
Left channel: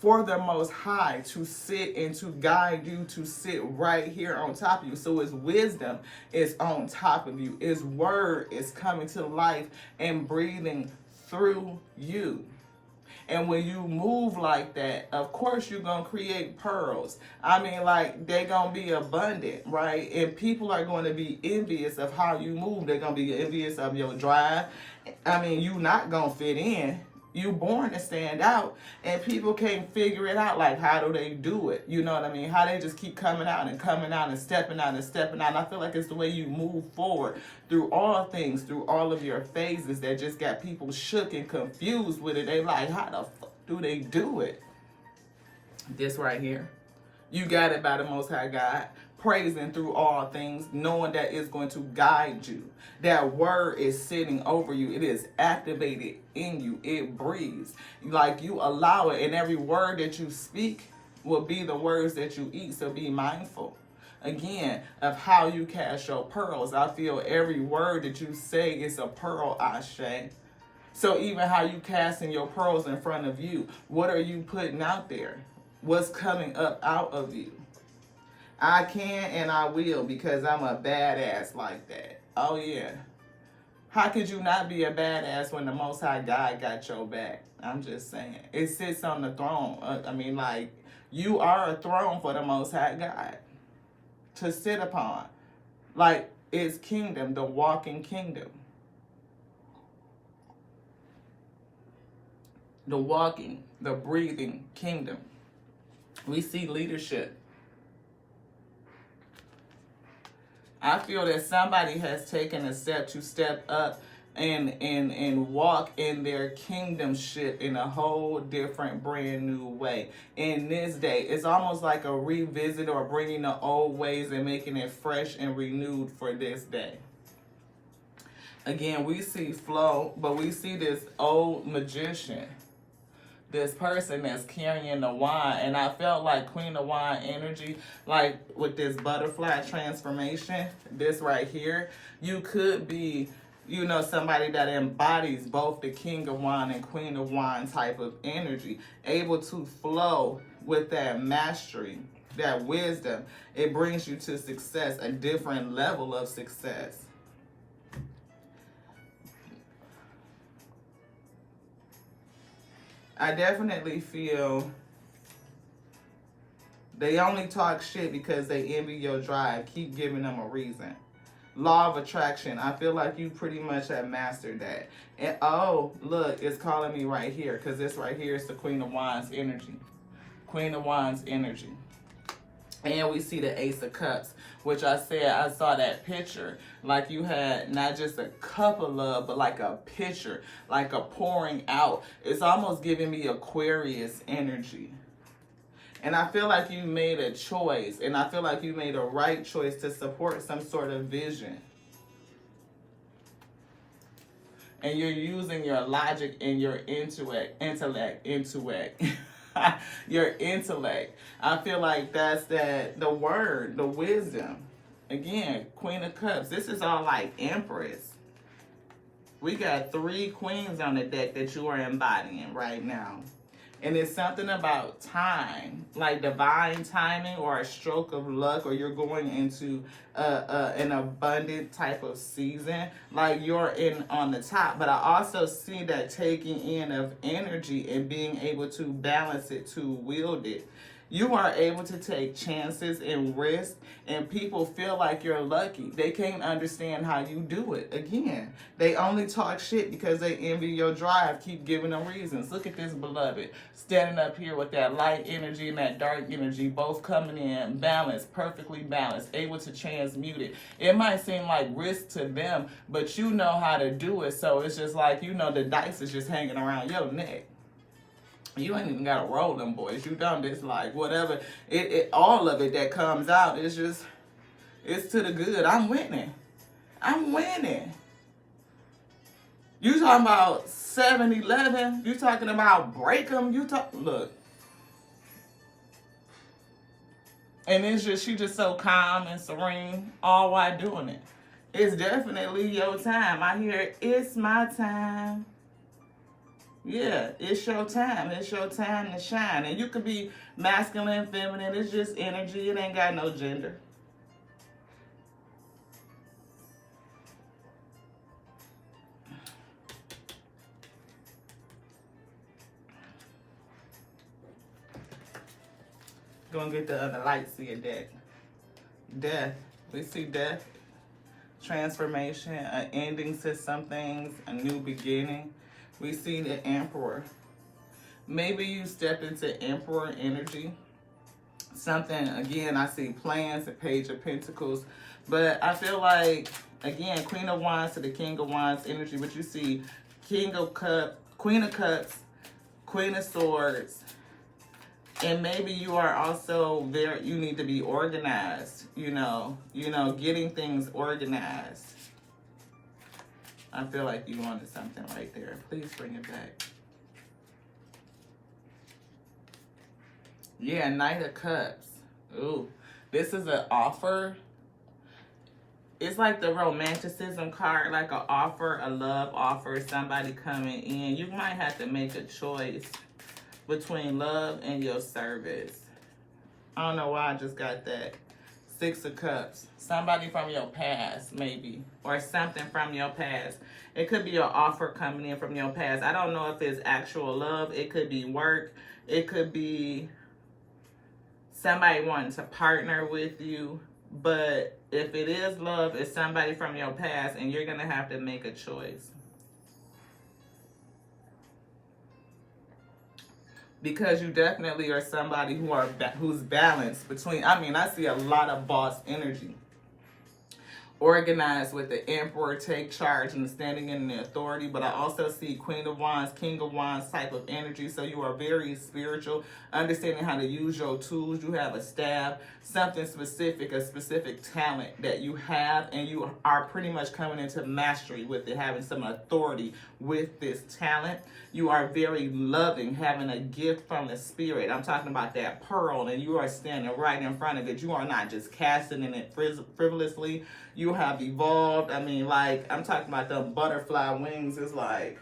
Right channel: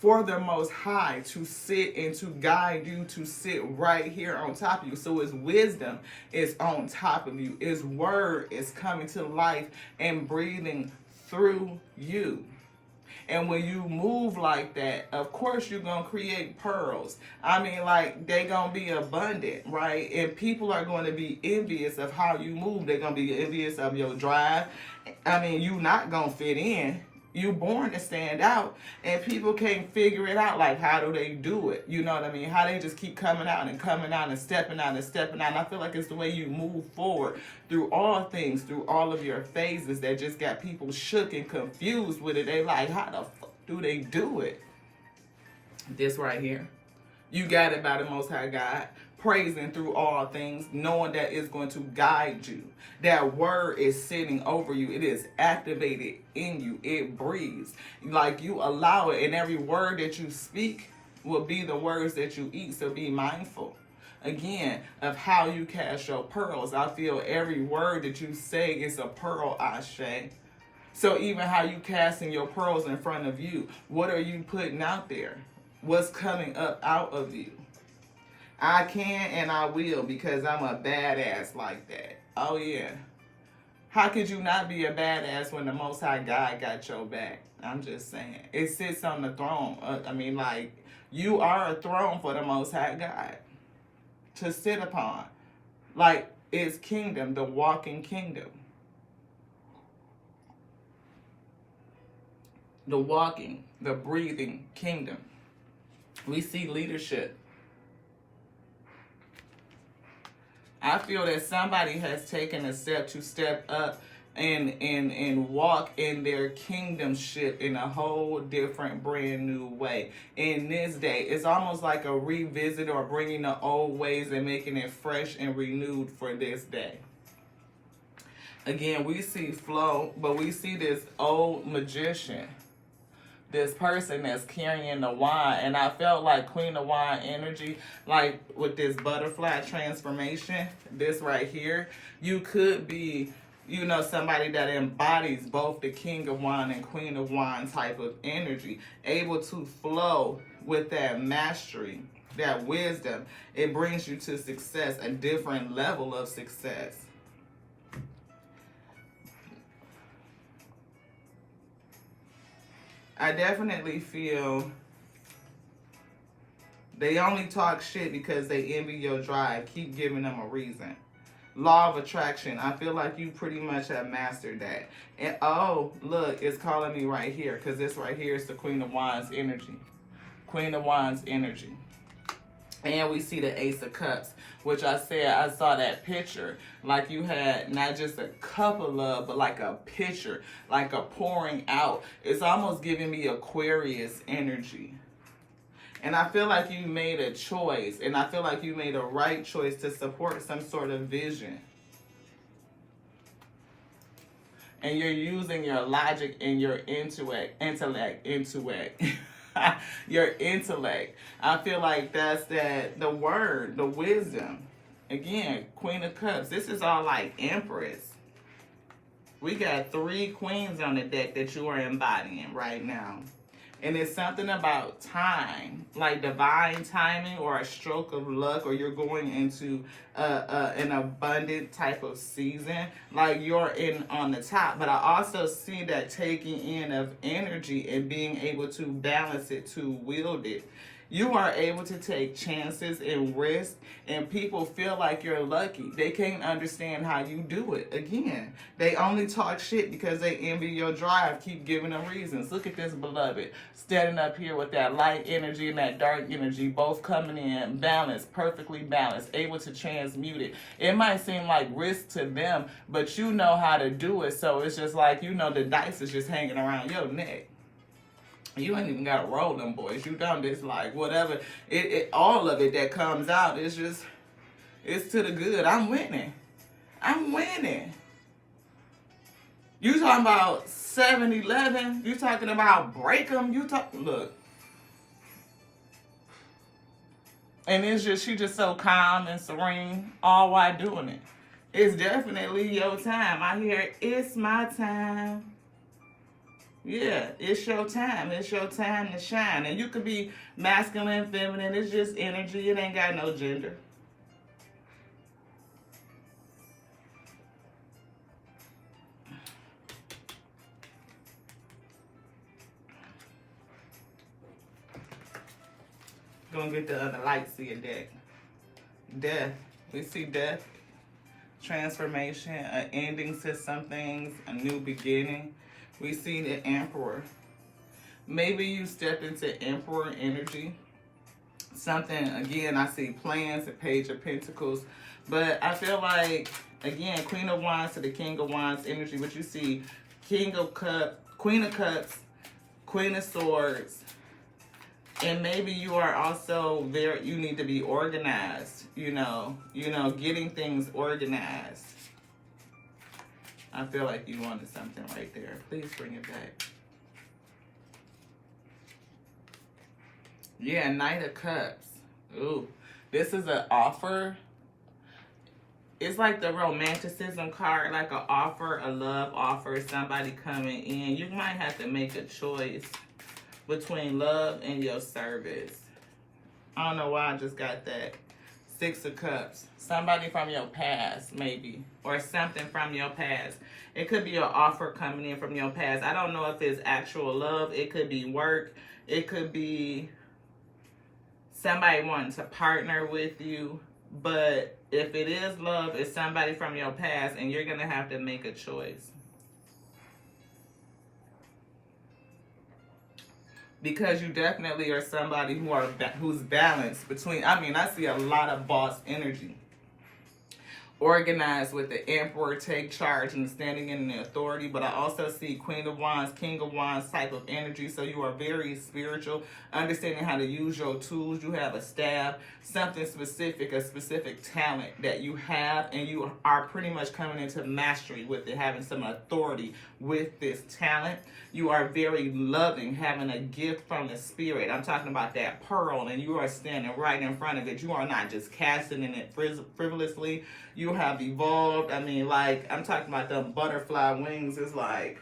for the Most High to sit and to guide you, to sit right here on top of you. So His wisdom is on top of you. His word is coming to life and breathing through you. And when you move like that, of course you're going to create pearls. I mean, like, they're going to be abundant, right? And people are going to be envious of how you move. They're going to be envious of your drive. I mean, you're not going to fit in. You born to stand out, and people can't figure it out. Like, how do they do it? You know what I mean? How they just keep coming out and coming out and stepping out and stepping out. And I feel like it's the way you move forward through all things, through all of your phases that just got people shook and confused with it. They like, how the fuck do they do it? This right here. You got it by the Most High God, praising through all things, knowing that it's going to guide you. That word is sitting over you. It is activated in you. It breathes. Like, you allow it, and every word that you speak will be the words that you eat. So be mindful, again, of how you cast your pearls. I feel every word that you say is a pearl, Ashe. So even how you casting your pearls in front of you, what are you putting out there? What's coming up out of you? I can and I will, because I'm a badass like that. Oh, yeah. How could you not be a badass when the Most High God got your back? I'm just saying. It sits on the throne. Like, you are a throne for the Most High God to sit upon. Like, it's kingdom, the walking kingdom. The walking, the breathing kingdom. We see leadership. I feel that somebody has taken a step to step up and walk in their kingdomship in a whole different, brand new way. In this day, it's almost like a revisit or bringing the old ways and making it fresh and renewed for this day. Again, we see flow, but we see this old magician, this person that's carrying the wine. And I felt like Queen of Wine energy, like with this butterfly transformation, this right here, you could be, you know, somebody that embodies both the King of Wine and Queen of Wine type of energy, able to flow with that mastery, that wisdom. It brings you to success, a different level of success. I definitely feel they only talk shit because they envy your drive. Keep giving them a reason. Law of attraction. I feel like you pretty much have mastered that. And oh, look, it's calling me right here, because this right here is the Queen of Wands energy. Queen of Wands energy. And we see the Ace of Cups, which I said, I saw that picture. Like you had not just a cup of love, but like a pitcher, like a pouring out. It's almost giving me Aquarius energy. And I feel like you made a choice, and I feel like you made a right choice to support some sort of vision. And you're using your logic and your intellect, your intellect. I feel like that's the word, the wisdom. Again, Queen of Cups. This is all like Empress. We got 3 queens on the deck that you are embodying right now. And it's something about time, like divine timing or a stroke of luck, or you're going into an abundant type of season, like you're in on the top. But I also see that taking in of energy and being able to balance it, to wield it. You are able to take chances and risks, and people feel like you're lucky. They can't understand how you do it. Again, they only talk shit because they envy your drive. Keep giving them reasons. Look at this beloved standing up here with that light energy and that dark energy, both coming in balanced, perfectly balanced, able to transmute it. It might seem like risk to them, but you know how to do it. So it's just like, you know, the dice is just hanging around your neck. You ain't even got to roll them, boys. You done this, like, whatever. All of it that comes out is just, it's to the good. I'm winning. I'm winning. You talking about 7-Eleven. You talking about break them. Look. And it's just, she just so calm and serene, all while doing it. It's definitely your time. I hear, it's my time. Yeah, it's your time. It's your time to shine. And you could be masculine, feminine. It's just energy. It ain't got no gender. Gonna get the other lights to your deck. Death. We see death, transformation, an ending to some things, a new beginning. We see the Emperor. Maybe you step into Emperor energy. Something, again, I see plans, the Page of Pentacles. But I feel like, again, Queen of Wands to the King of Wands energy. But you see King of Cups, Queen of Cups, Queen of Swords. And maybe you are also there, you need to be organized, you know, getting things organized. I feel like you wanted something right there. Please bring it back. Yeah, Knight of Cups. Ooh, this is an offer. It's like the romanticism card, like an offer, a love offer, somebody coming in. You might have to make a choice between love and your service. I don't know why I just got that. Six of Cups. Somebody from your past, maybe. Or something from your past. It could be an offer coming in from your past. I don't know if it's actual love. It could be work. It could be somebody wanting to partner with you. But if it is love, it's somebody from your past, and you're going to have to make a choice. Because you definitely are somebody who's balanced between, I see a lot of boss energy. Organized with the Emperor, take charge and standing in the authority. But I also see Queen of Wands, King of Wands type of energy. So you are very spiritual, understanding how to use your tools. You have a staff, something specific, a specific talent that you have. And you are pretty much coming into mastery with it, having some authority with this talent. You are very loving, having a gift from the spirit. I'm talking about that pearl, and you are standing right in front of it. You are not just casting in it frivolously. You have evolved. I'm talking about the butterfly wings. It's like,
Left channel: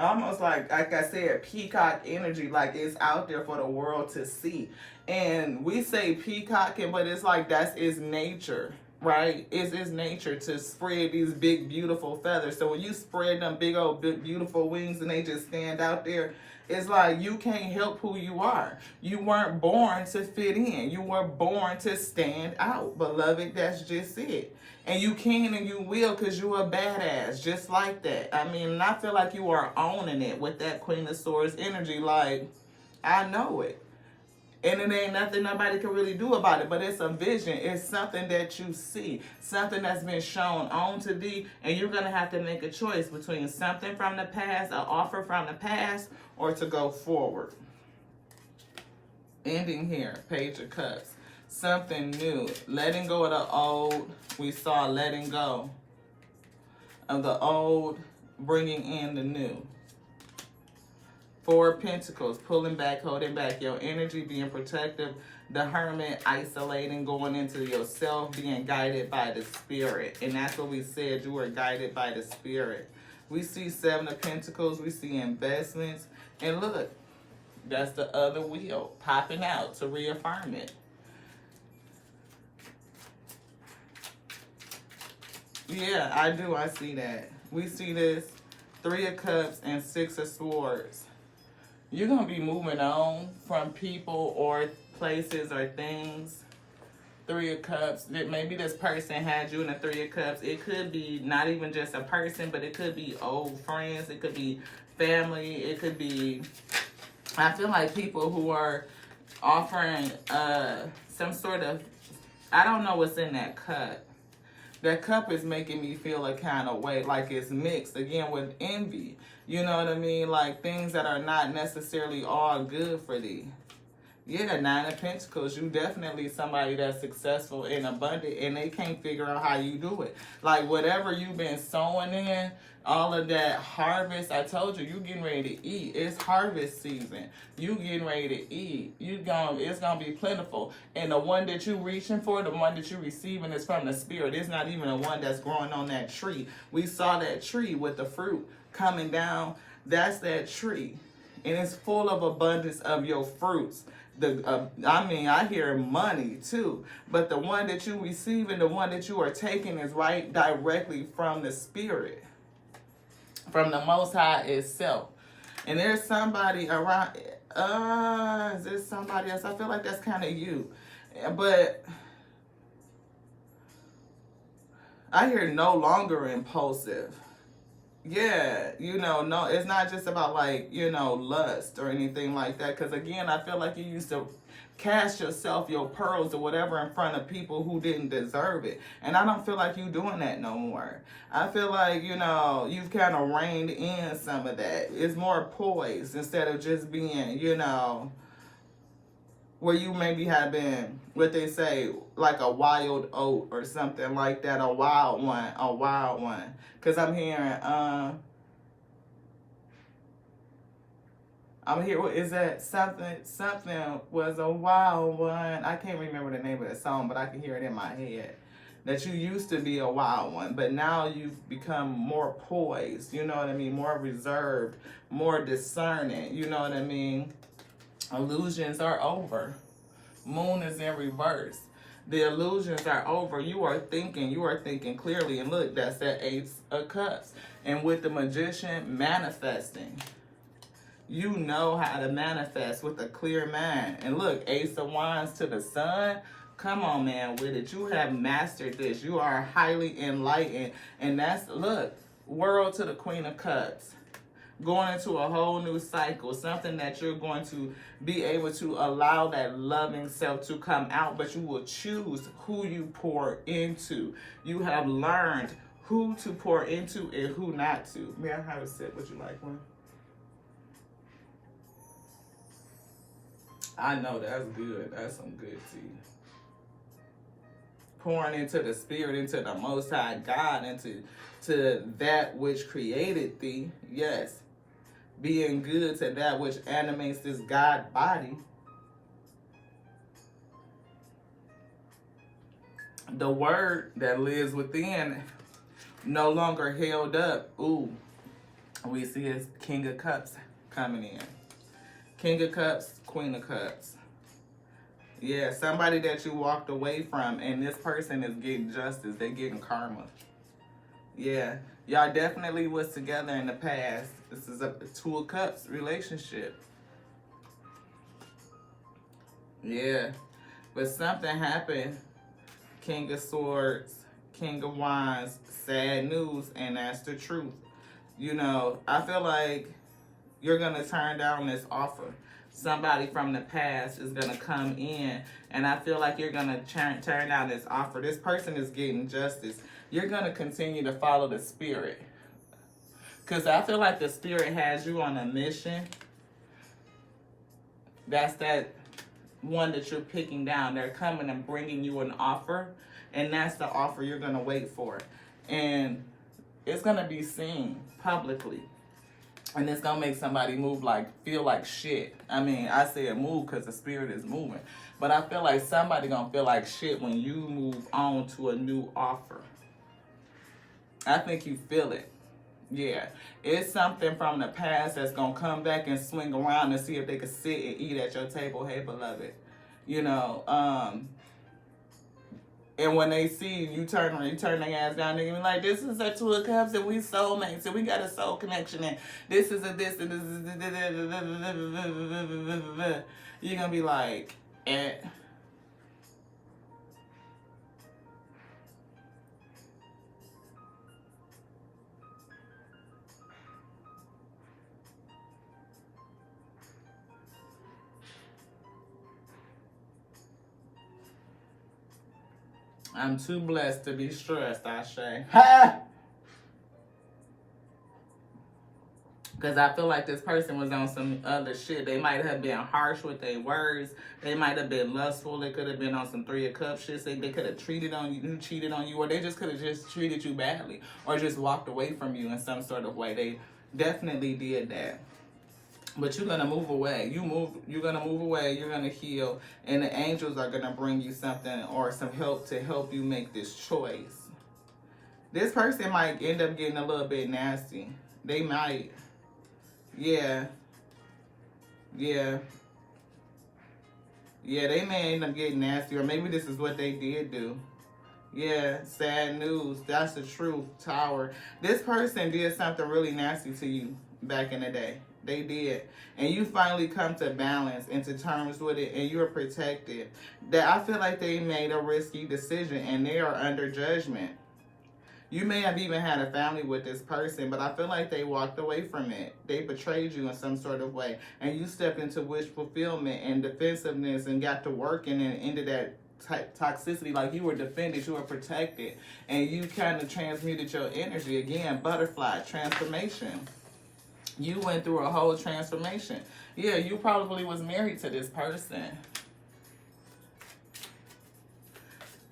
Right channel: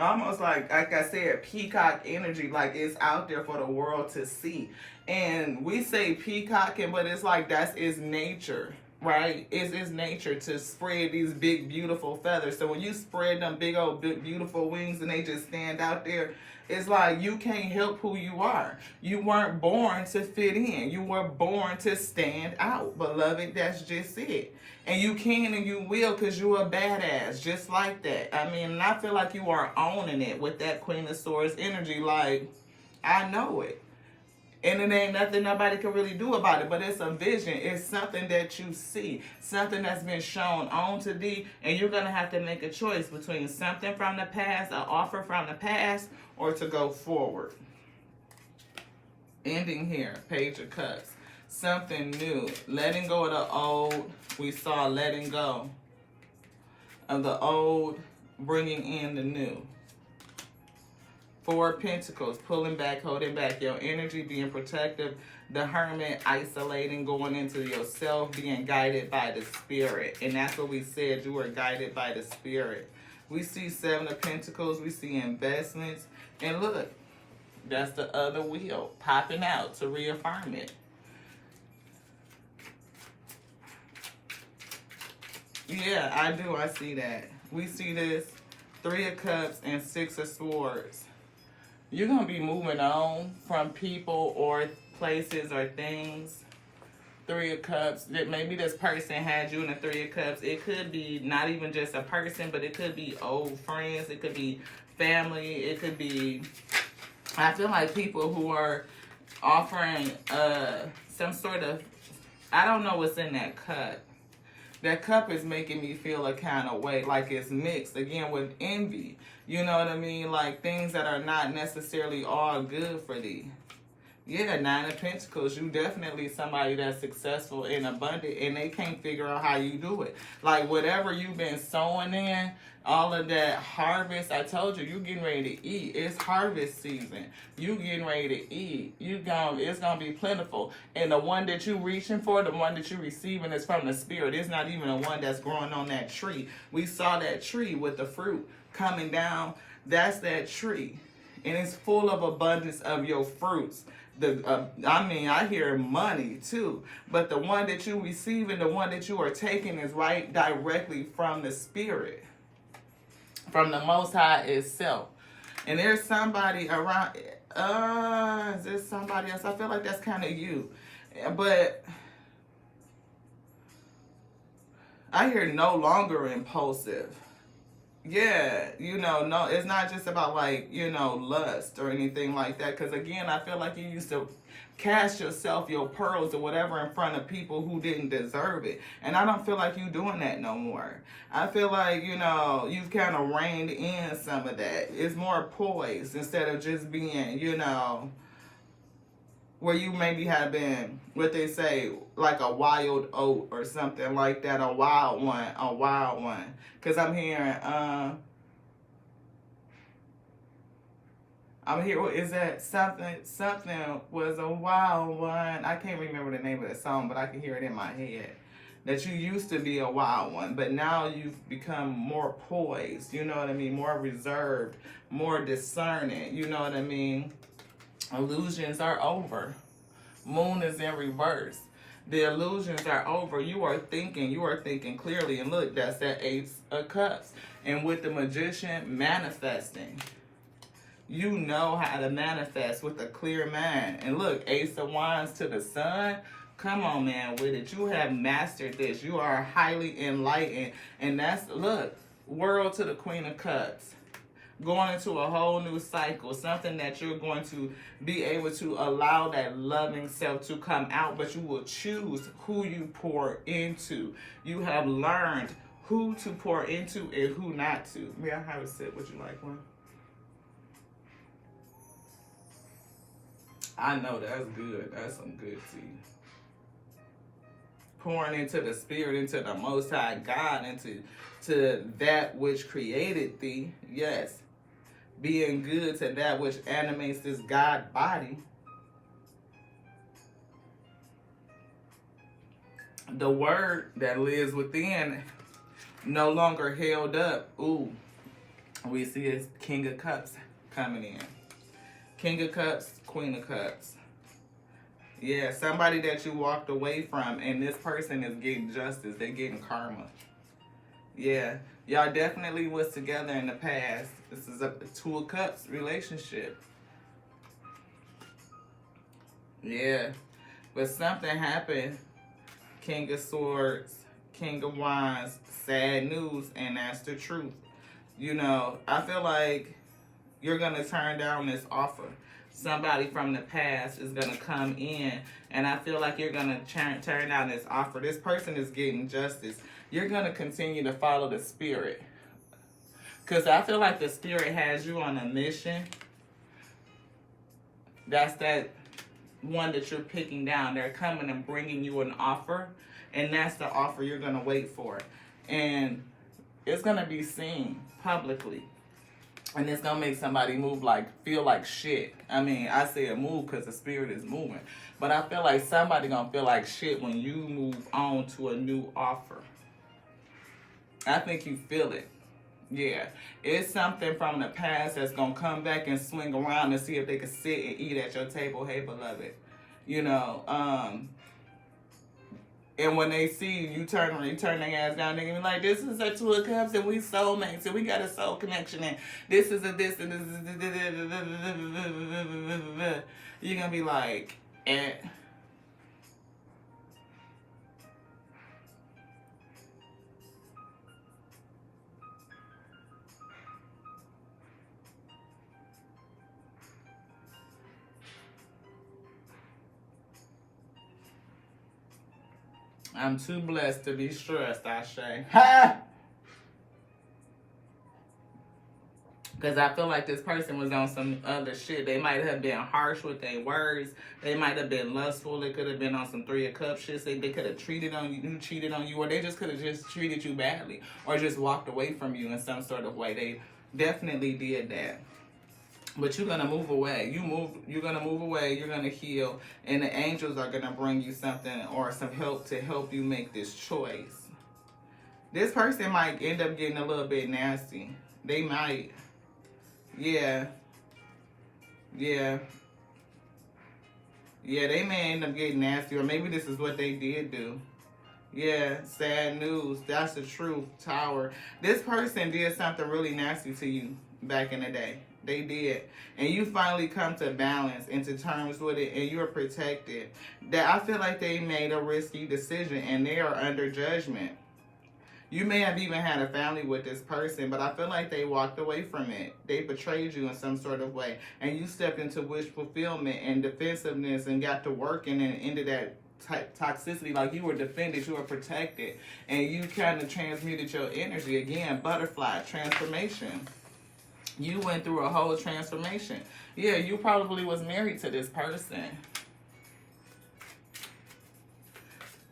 almost like I said, peacock energy. Like, it's out there for the world to see. And we say peacocking, but it's like that's its nature. Right? It's nature to spread these big, beautiful feathers. So when you spread them big, old, beautiful wings and they just stand out there, it's like you can't help who you are. You weren't born to fit in. You were born to stand out. Beloved, that's just it. And you can and you will, because you're a badass, just like that. And I feel like you are owning it with that Queen of Swords energy. Like, I know it. And it ain't nothing nobody can really do about it. But it's a vision. It's something that you see. Something that's been shown on to thee. And you're going to have to make a choice between something from the past, an offer from the past, or to go forward. Ending here. Page of Cups. Something new. Letting go of the old. We saw letting go of the old, bringing in the new. Four of Pentacles, pulling back, holding back your energy, being protective. The Hermit, isolating, going into yourself, being guided by the Spirit. And that's what we said, you were guided by the Spirit. We see Seven of Pentacles, we see investments. And look, that's the other wheel popping out to reaffirm it. Yeah, I do, I see that. We see this, Three of Cups and Six of Swords. You're going to be moving on from people or places or things. Three of Cups. Maybe this person had you in the Three of Cups. It could be not even just a person, but it could be old friends. It could be family. It could be, I feel like people who are offering some sort of, I don't know what's in that cup. That cup is making me feel a kind of way, like it's mixed, again, with envy. You know what I mean? Like things that are not necessarily all good for thee. Yeah, Nine of Pentacles. You definitely somebody that's successful and abundant, and they can't figure out how you do it. Like whatever you've been sowing in, all of that harvest, I told you, you getting ready to eat. It's harvest season. You getting ready to eat. It's gonna be plentiful. And the one that you reaching for, the one that you receiving is from the Spirit. It's not even the one that's growing on that tree. We saw that tree with the fruit coming down. That's that tree. And it's full of abundance of your fruits. I hear money too, but the one that you receive and the one that you are taking is right directly from the Spirit, from the Most High itself. And there's somebody around, is there somebody else? I feel like that's kind of you, but I hear no longer impulsive. Yeah, no, it's not just about like, lust or anything like that. Because again, I feel like you used to cast yourself, your pearls or whatever in front of people who didn't deserve it. And I don't feel like you doing that no more. I feel like, you've kind of reined in some of that. It's more poised instead of just being, where you maybe have been, what they say, like a wild oat or something like that, a wild one. Because I'm here, is that something was a wild one. I can't remember the name of the song, but I can hear it in my head. That you used to be a wild one, but now you've become more poised, you know what I mean? More reserved, more discerning, you know what I mean? Illusions are over. Moon is in reverse. The illusions are over. You are thinking clearly. And look, that's that Ace of Cups. And with the Magician, manifesting. You know how to manifest with a clear mind. And look, Ace of Wands to the Sun. Come on, man, with it. You have mastered this. You are highly enlightened. And that's, look, World to the Queen of Cups. Going into a whole new cycle, something that you're going to be able to allow that loving self to come out, but you will choose who you pour into. You have learned who to pour into and who not to. May I have a sip? Would you like one? I know that's good. That's some good tea. Pouring into the Spirit, into the Most High God, into that which created thee. Yes. Being good to that which animates this God body. The word that lives within, no longer held up. Ooh, we see it's King of Cups coming in. King of Cups, Queen of Cups. Yeah, somebody that you walked away from, and this person is getting justice. They're getting karma. Yeah, y'all definitely was together in the past. This is a Two of Cups relationship. Yeah, but something happened. King of Swords, King of Wands, sad news, and that's the truth. I feel like you're going to turn down this offer. Somebody from the past is going to come in, and I feel like you're going to turn down this offer. This person is getting justice. You're going to continue to follow the Spirit. Because I feel like the Spirit has you on a mission. That's that one that you're picking down. They're coming and bringing you an offer, and that's the offer you're going to wait for. And it's going to be seen publicly. And it's going to make somebody feel like shit. I mean, I say a move because the Spirit is moving. But I feel like somebody going to feel like shit when you move on to a new offer. I think you feel it. Yeah. It's something from the past that's going to come back and swing around to see if they can sit and eat at your table. Hey, beloved. And when they see you turn their ass down, they're going to be like, this is a Two of Cups and we soulmates and we got a soul connection and this is a this and this is you're going to be like, eh. I'm too blessed to be stressed, I say. Ha! Because I feel like this person was on some other shit. They might have been harsh with their words. They might have been lustful. They could have been on some Three of Cups shit. They could have cheated on you, or they just could have just treated you badly, or just walked away from you in some sort of way. They definitely did that. But you're gonna move away. You're gonna move away. You're gonna heal, and the angels are gonna bring you something or some help to help you make this choice. This person might end up getting a little bit nasty. They might. Yeah. They may end up getting nasty, or maybe this is what they did do. Yeah, sad news. That's the truth, Tower. This person did something really nasty to you back in the day. They did. And you finally come to balance and to terms with it, and you're protected. That I feel like they made a risky decision, and they are under judgment. You may have even had a family with this person, but I feel like they walked away from it. They betrayed you in some sort of way. And you stepped into wish fulfillment and defensiveness and got to working and ended that toxicity. Like you were defended, you were protected. And you kind of transmuted your energy. Again, butterfly, transformation. You went through a whole transformation. Yeah, you probably was married to this person.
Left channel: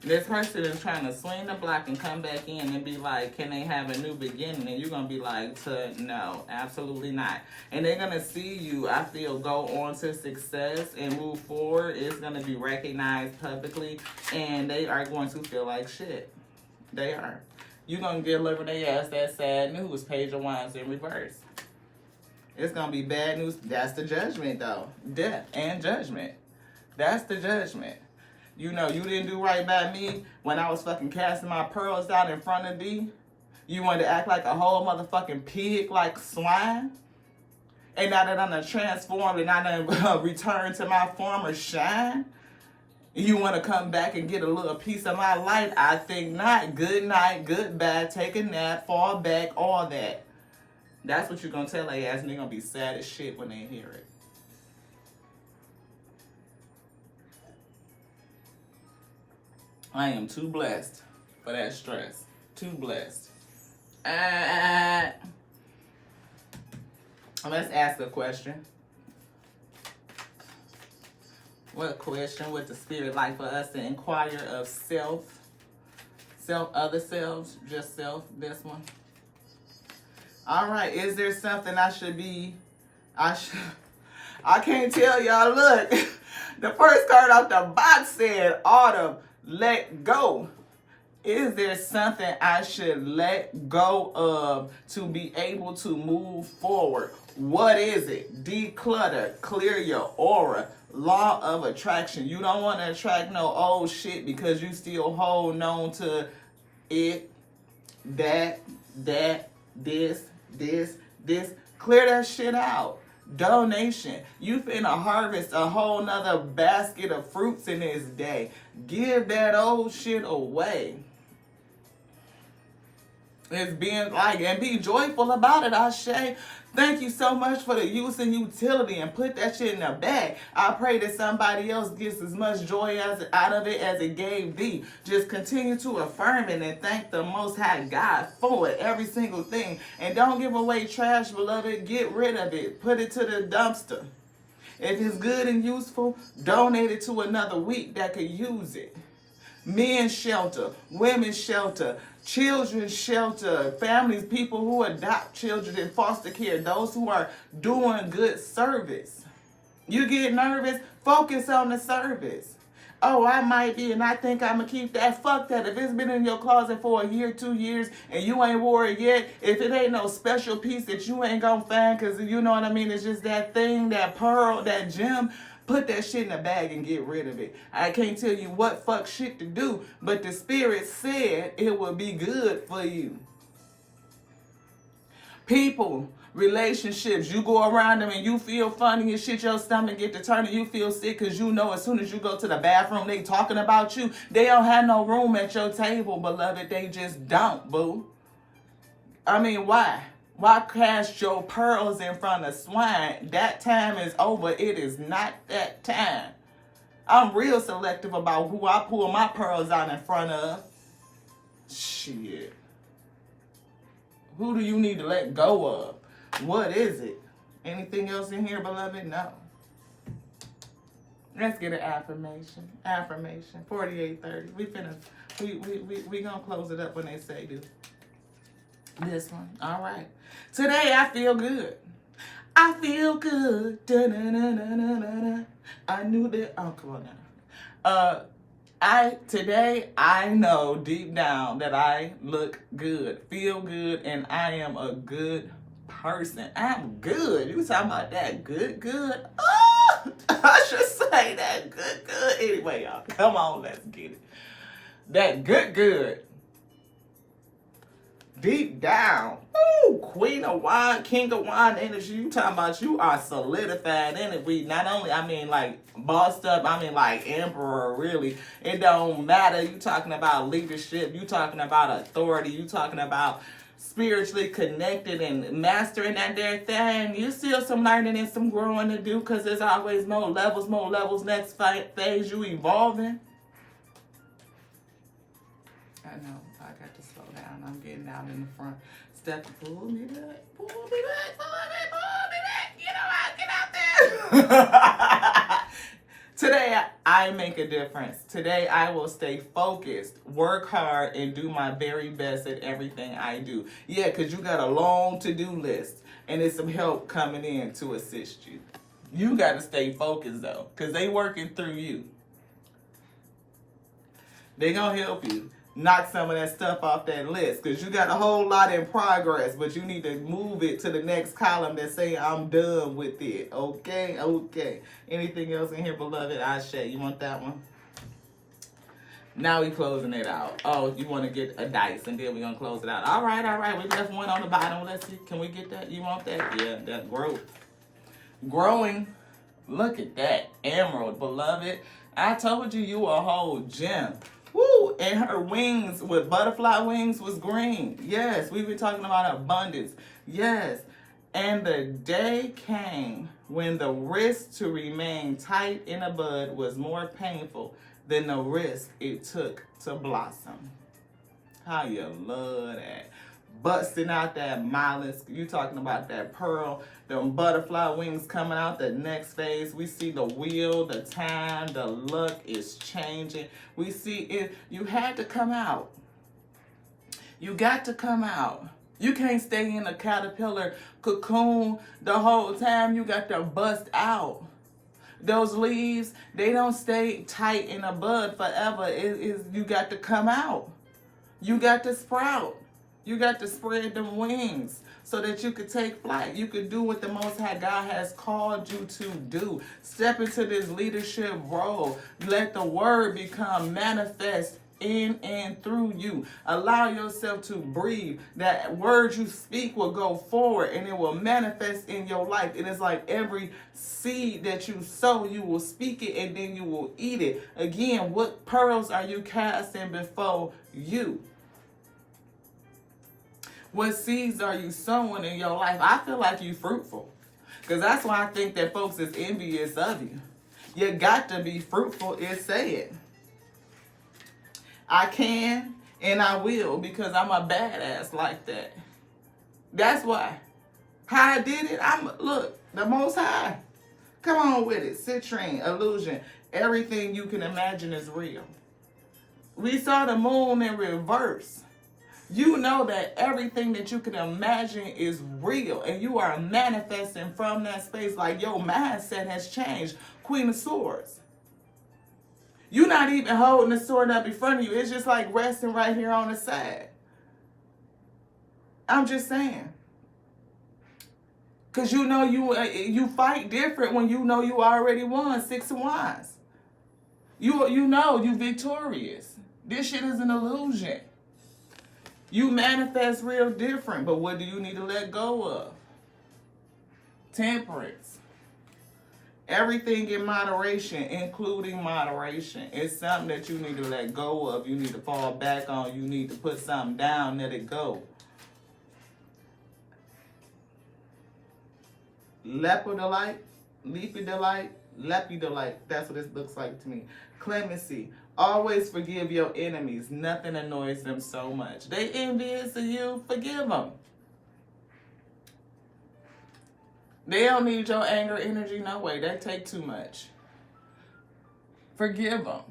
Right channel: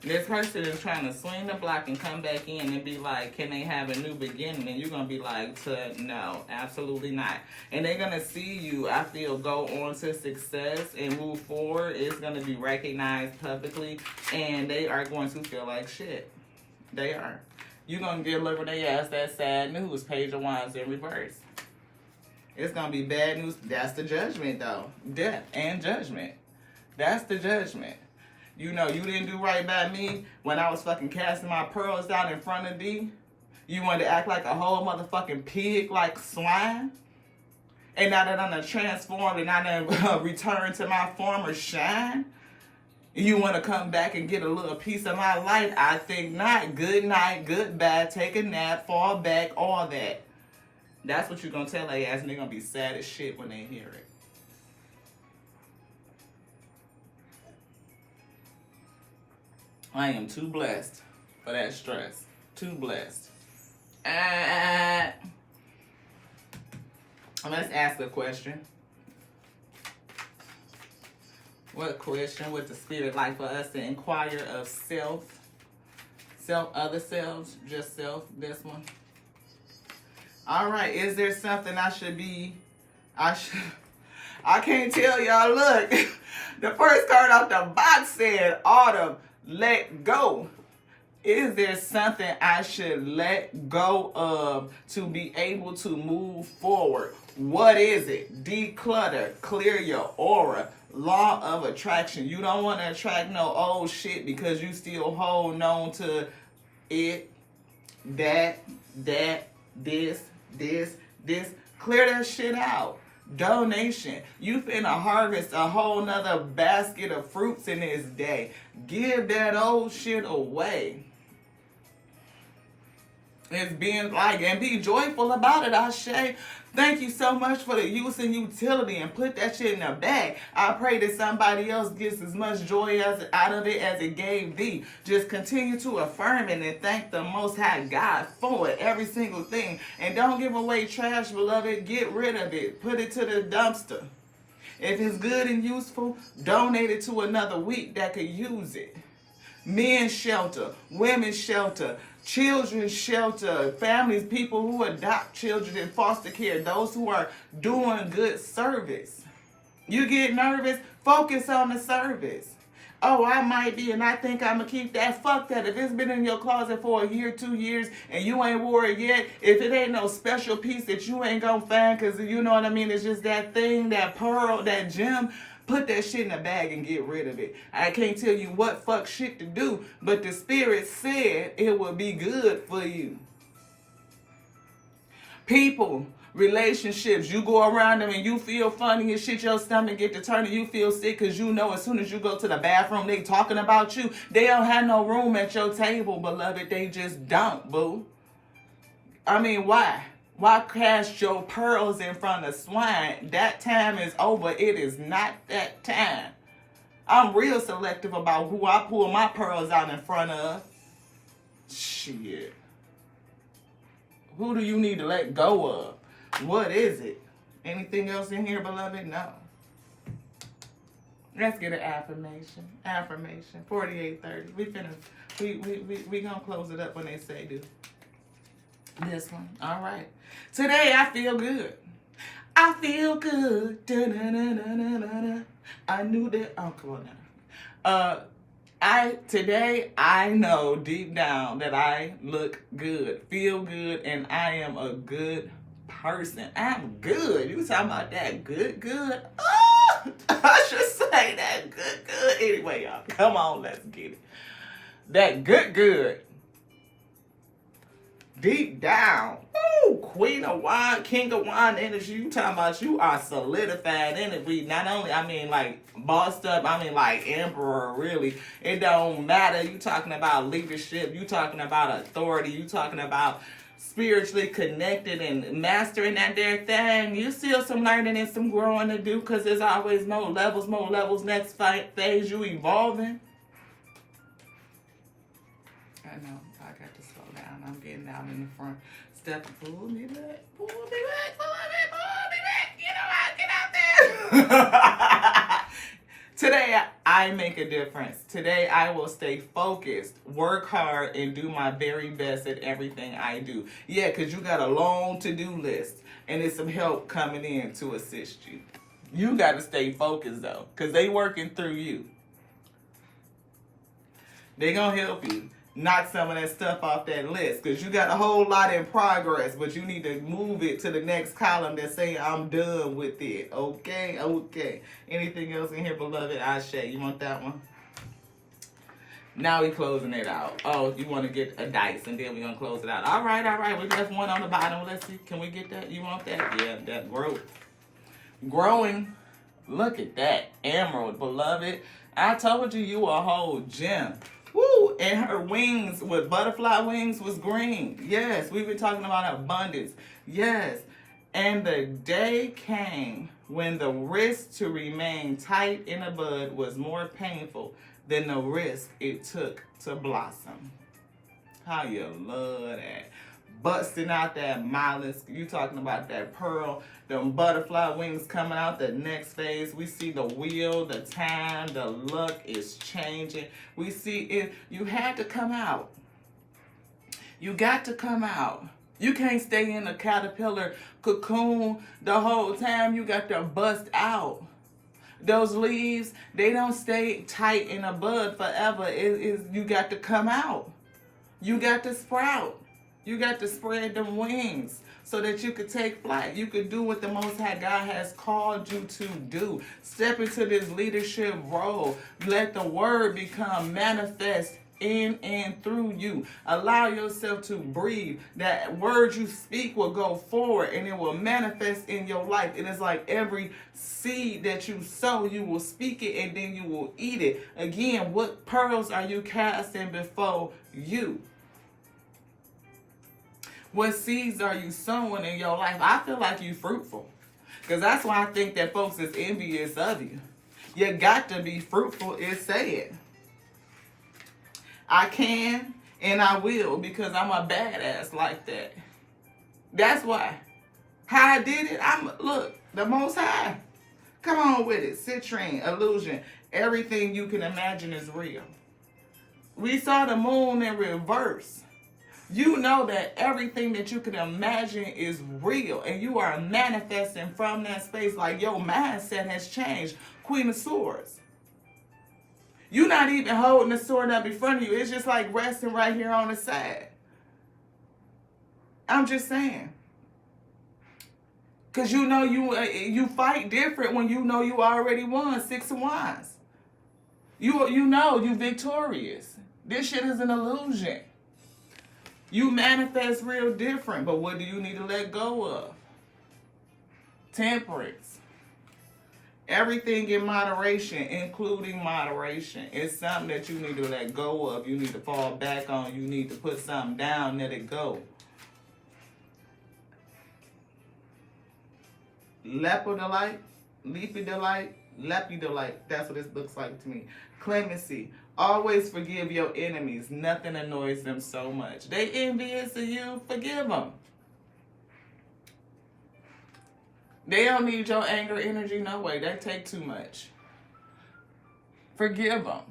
This person is trying to swing the block and come back in and be like, can they have a new beginning? And you're going to be like, no, absolutely not. And they're going to see you, I feel, go on to success and move forward. It's going to be recognized publicly. And they are going to feel like shit. They are. You're going to deliver their ass that sad news. Page of Wands in reverse. It's going to be bad news. That's the judgment, though. Death and judgment. That's the judgment. You know, you didn't do right by me when I was fucking casting my pearls out in front of thee. You wanted to act like a whole motherfucking pig, like swine. And now that I'm done transformed and I done returned to my former shine, you want to come back and get a little piece of my light? I think not. Good night, goodbye, take a nap, fall back, all that. That's what you're going to tell their ass, and they're going to be sad as shit when they hear it. I am too blessed for that stress. Too blessed. Let's ask a question. What question would the spirit like for us to inquire of self? Self, other selves, just self, this one. All right, is there something I can't tell y'all, look. The first card out the box said, Autumn. Let go. Is there something I should let go of to be able to move forward? What is it? Declutter. Clear your aura. Law of attraction. You don't want to attract no old shit because you still hold on to it, that, this. Clear that shit out. Donation. You finna harvest a whole nother basket of fruits in this day. Give that old shit away. It's being like, and be joyful about it, Ashe. Thank you so much for the use and utility, and put that shit in a bag. I pray that somebody else gets as much joy out of it as it gave thee. Just continue to affirm it and thank the Most High God for it, every single thing. And don't give away trash, beloved. Get rid of it. Put it to the dumpster. If it's good and useful, donate it to another week that could use it. Men's shelter, women's shelter, children's shelter, families, people who adopt children in foster care, those who are doing good service. You get nervous, focus on the service. Oh, I might be, and I think I'm going to keep that. Fuck that. If it's been in your closet for a year, 2 years, and you ain't wore it yet, if it ain't no special piece that you ain't going to find, because you know what I mean, it's just that thing, that pearl, that gem, put that shit in a bag and get rid of it. I can't tell you what fuck shit to do, but the spirit said it will be good for you. People, relationships, you go around them and you feel funny and shit, your stomach get to turning, you feel sick because you know as soon as you go to the bathroom, they talking about you. They don't have no room at your table, beloved. They just don't, boo. I mean, why? Why cast your pearls in front of swine? That time is over. It is not that time. I'm real selective about who I pull my pearls out in front of. Shit. Who do you need to let go of? What is it? Anything else in here, beloved? No. Let's get an affirmation. Affirmation. 4830. We gonna close it up when they say do. This one. All right. Today I feel good. I feel good. Da-na-na-na-na-na. I knew that. Oh, come on now. Today I know deep down that I look good, feel good, and I am a good person. I'm good. You talking about that good? Oh, I should say that good. Anyway, y'all, come on, let's get it. That good. Deep down. Woo! Queen of wine, king of wine energy. You talking about you are solidified in it. We not only, I mean, like, bossed up, I mean, like, emperor, really. It don't matter. You talking about leadership. You talking about authority. You talking about spiritually connected and mastering that there thing. You still some learning and some growing to do, because there's always more levels. Next phase, you evolving. I know. I got to slow down. I'm getting out in the front. Step, pull me back. Get out there. Today, I make a difference. Today, I will stay focused, work hard, and do my very best at everything I do. Yeah, because you got a long to-do list, and there's some help coming in to assist you. You got to stay focused, though, because they working through you. They going to help you knock some of that stuff off that list, because you got a whole lot in progress, but you need to move it to the next column that say I'm done with it. Okay. Anything else in here, beloved? Ashe, you want that one? Now we closing it out. Oh, you want to get a dice, and then we're going to close it out. All right. We left one on the bottom. Let's see. Can we get that? You want that? Yeah, that growth. Growing. Look at that. Emerald, beloved. I told you a whole gem. Woo! And her wings with butterfly wings was green. Yes, we've been talking about abundance. Yes. And the day came when the risk to remain tight in a bud was more painful than the risk it took to blossom. How you love that. Busting out that mollusk. You talking about that pearl. Them butterfly wings coming out the next phase. We see the wheel, the time, the luck is changing. We see it. You had to come out. You got to come out. You can't stay in a caterpillar cocoon the whole time. You got to bust out. Those leaves, they don't stay tight in a bud forever. You got to come out. You got to sprout. You got to spread them wings so that you could take flight. You could do what the Most High God has called you to do. Step into this leadership role. Let the word become manifest in and through you. Allow yourself to breathe. That word you speak will go forward and it will manifest in your life. It is like every seed that you sow, you will speak it and then you will eat it. Again, what pearls are you casting before you? What seeds are you sowing in your life? I feel like you fruitful. Because that's why I think that folks is envious of you. You got to be fruitful, it said. I can and I will, because I'm a badass like that. That's why. How I did it, look, the Most High. Come on with it. Citrine, illusion. Everything you can imagine is real. We saw the moon in reverse. You know that everything that you can imagine is real, and you are manifesting from that space. Like your mindset has changed. Queen of Swords. You're not even holding the sword up in front of you. It's just like resting right here on the side. I'm just saying. Because you know you fight different when you know you already won 6 of Wands. You know you victorious. This shit is an illusion. You manifest real different, but what do you need to let go of? Temperance. Everything in moderation, including moderation. It's something that you need to let go of. You need to fall back on. You need to put something down, let it go. Lepidolite, lepidolite. That's what this looks like to me. Clemency. Always forgive your enemies. Nothing annoys them so much. They envious of you. Forgive them. They don't need your anger, energy, no way. That take too much. Forgive them.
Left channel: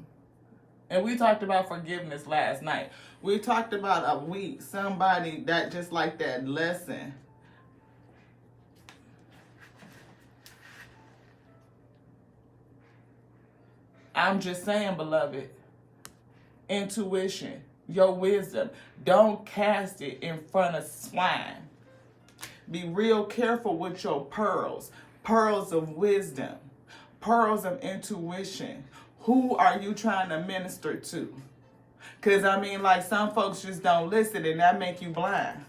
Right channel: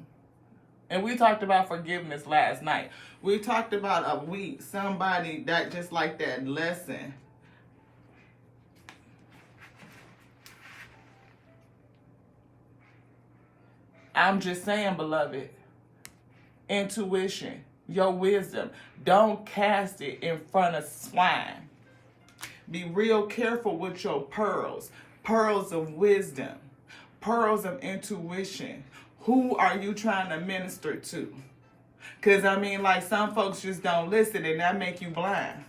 And we talked about forgiveness last night. We talked about a week. Somebody that just like that lesson. I'm just saying, beloved, intuition, your wisdom, don't cast it in front of swine. Be real careful with your pearls, pearls of wisdom, pearls of intuition. Who are you trying to minister to? Because, I mean, like, some folks just don't listen, and that make you blind.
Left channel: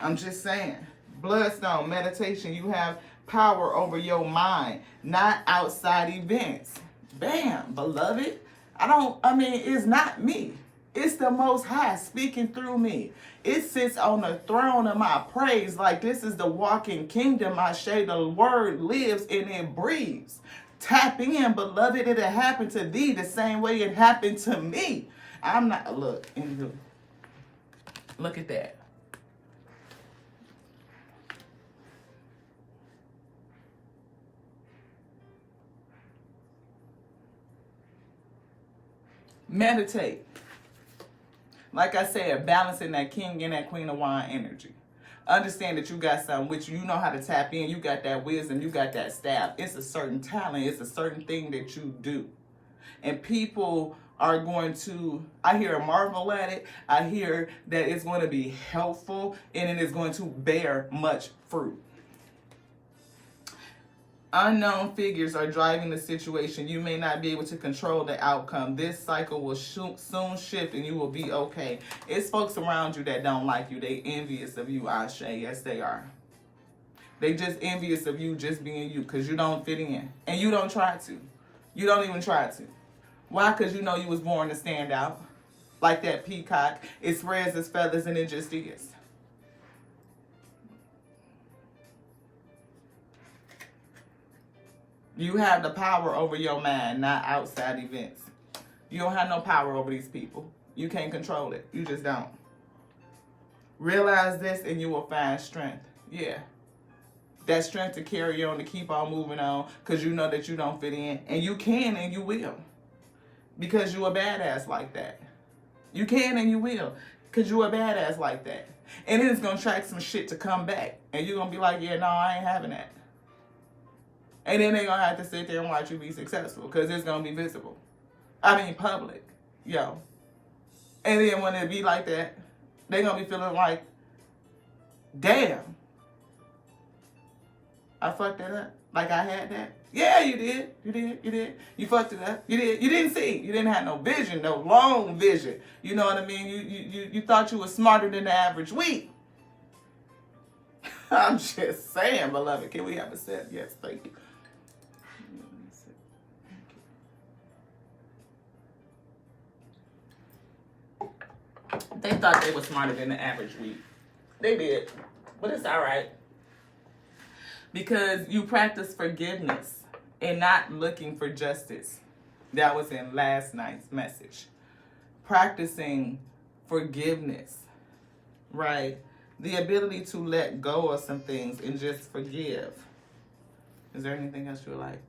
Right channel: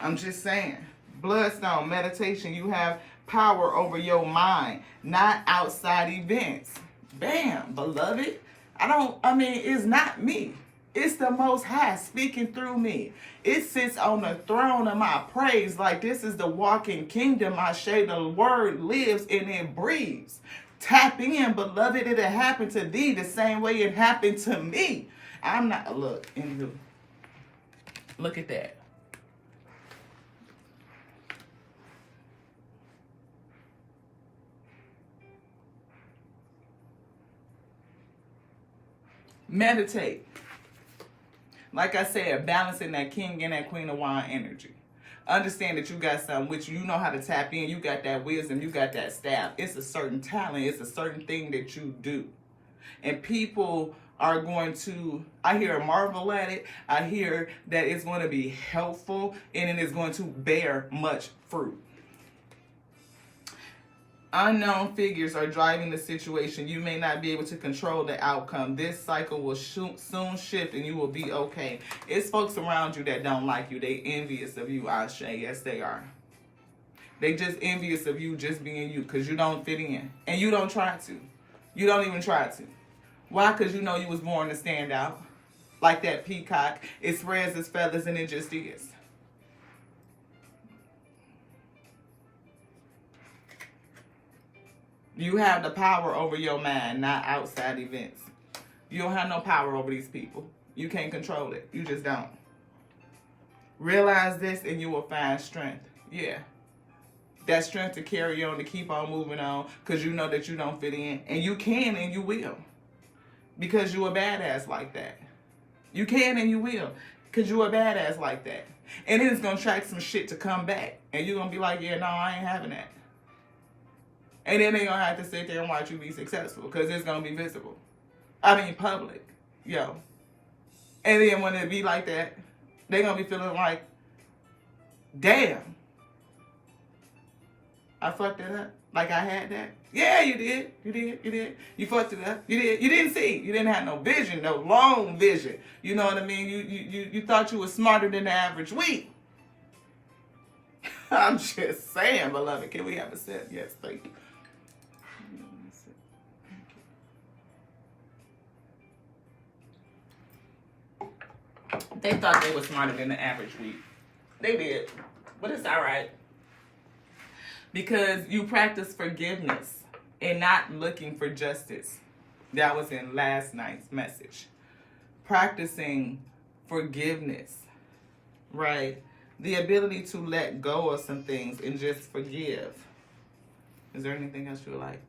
I'm just saying. Bloodstone, meditation, you have power over your mind, not outside events. Bam, beloved. It's not me. It's the Most High speaking through me. It sits on the throne of my praise. Like, this is the walking kingdom. I say the word lives and it breathes. Tap in, beloved. It'll happen to thee the same way it happened to me. I'm not, look, anywho. Look at that. Meditate. Like I said, balancing that king and that queen of wine energy. Understand that you got something which you know how to tap in. You got that wisdom. You got that staff. It's a certain talent. It's a certain thing that you do. And people are going to, I hear, marvel at it. I hear that it's going to be helpful and it is going to bear much fruit. Unknown figures are driving the situation. You may not be able to control the outcome. This cycle will soon shift and you will be okay. It's folks around you that don't like you. They envious of you, Ashe. Yes, they are. They just envious of you just being you because you don't fit in. And you don't try to. You don't even try to. Why? Because you know you was born to stand out. Like that peacock. It spreads its feathers and it just is. You have the power over your mind, not outside events. You don't have no power over these people. You can't control it. You just don't. Realize this and you will find strength. Yeah. That strength to carry on, to keep on moving on, because you know that you don't fit in. And you can and you will. Because you're a badass like that. You can and you will. Because you're a badass like that. And then it's going to track some shit to come back. And you're going to be like, yeah, no, I ain't having that. And then they're going to have to sit there and watch you be successful because it's going to be visible. Public. Yo. And then when it be like that, they're going to be feeling like, damn. I fucked it up. Like I had that. Yeah, you did. You did. You did. You fucked it up. You did. You didn't see. You didn't have no vision, no long vision. You know what I mean? You thought you were smarter than the average weed. I'm just saying, beloved. Can we have a sip? Yes, thank you. They thought they were smarter than the average weed. They did. But it's all right. Because you practice forgiveness and not looking for justice. That was in last night's message. Practicing forgiveness, right? The ability to let go of some things and just forgive. Is there anything else you would like?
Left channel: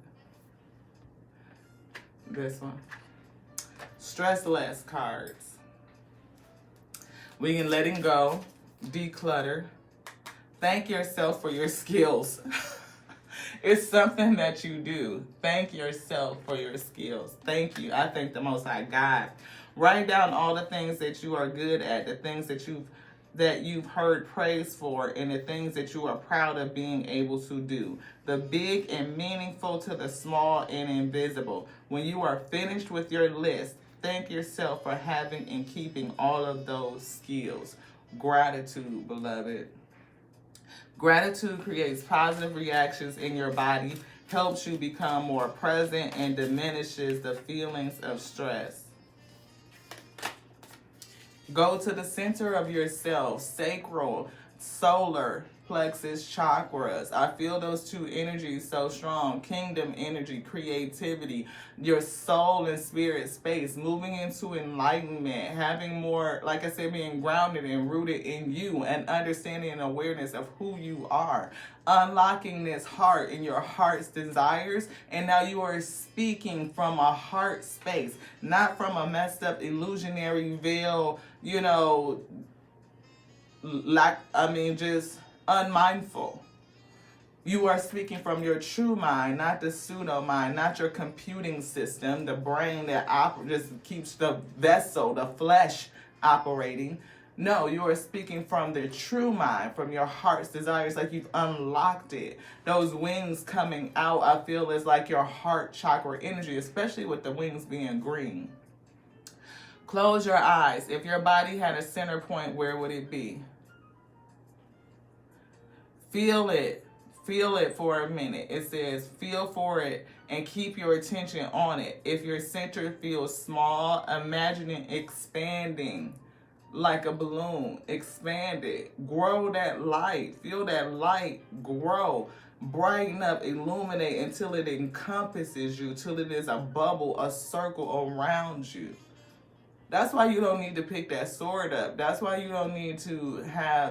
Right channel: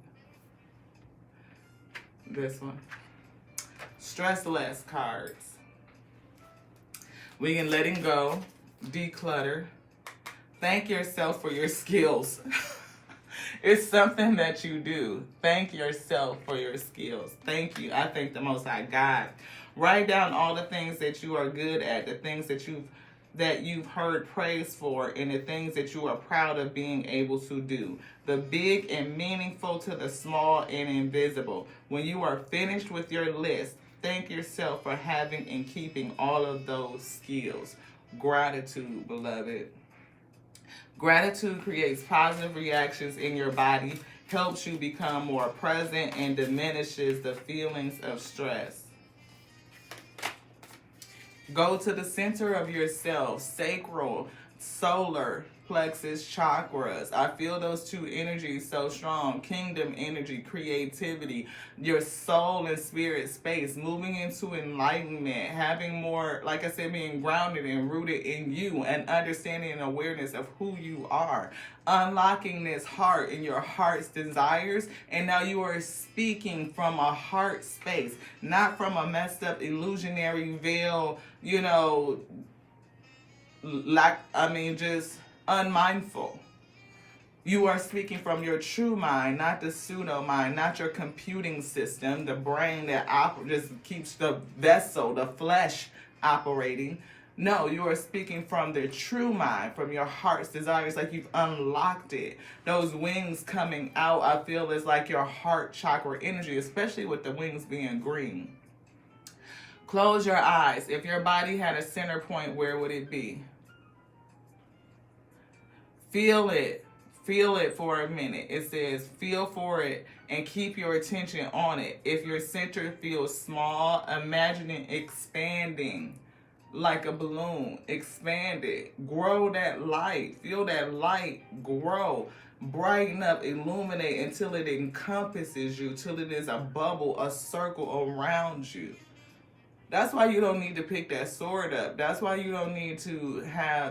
This one. Stress less cards. We can letting go, declutter. Thank yourself for your skills. It's something that you do. Thank yourself for your skills. Thank you. I thank the Most High God. Write down all the things that you are good at, the things that you've heard praise for, and the things that you are proud of being able to do. The big and meaningful to the small and invisible. When you are finished with your list, thank yourself for having and keeping all of those skills. Gratitude, beloved. Gratitude creates positive reactions in your body, helps you become more present, and diminishes the feelings of stress. Go to the center of yourself, sacral, solar plexus chakras. I feel those two energies so strong. Kingdom energy, creativity, your soul and spirit space, moving into enlightenment, having more, like I said, being grounded and rooted in you, and understanding and awareness of who you are. Unlocking this heart and your heart's desires, and now you are speaking from a heart space, not from a messed up illusionary veil, just unmindful. You are speaking from your true mind, not the pseudo mind, not your computing system, the brain that just keeps the vessel, the flesh operating. No, you are speaking from the true mind, from your heart's desires, like you've unlocked it. Those wings coming out, I feel, is like your heart chakra energy, especially with the wings being green. Close your eyes. If your body had a center point, where would it be? Feel it. Feel it for a minute. It says feel for it and keep your attention on it. If your center feels small, imagine it expanding like a balloon. Expand it. Grow that light. Feel that light grow. Brighten up, illuminate until it encompasses you, till it is a bubble, a circle around you. That's why you don't need to pick that sword up. That's why you don't need to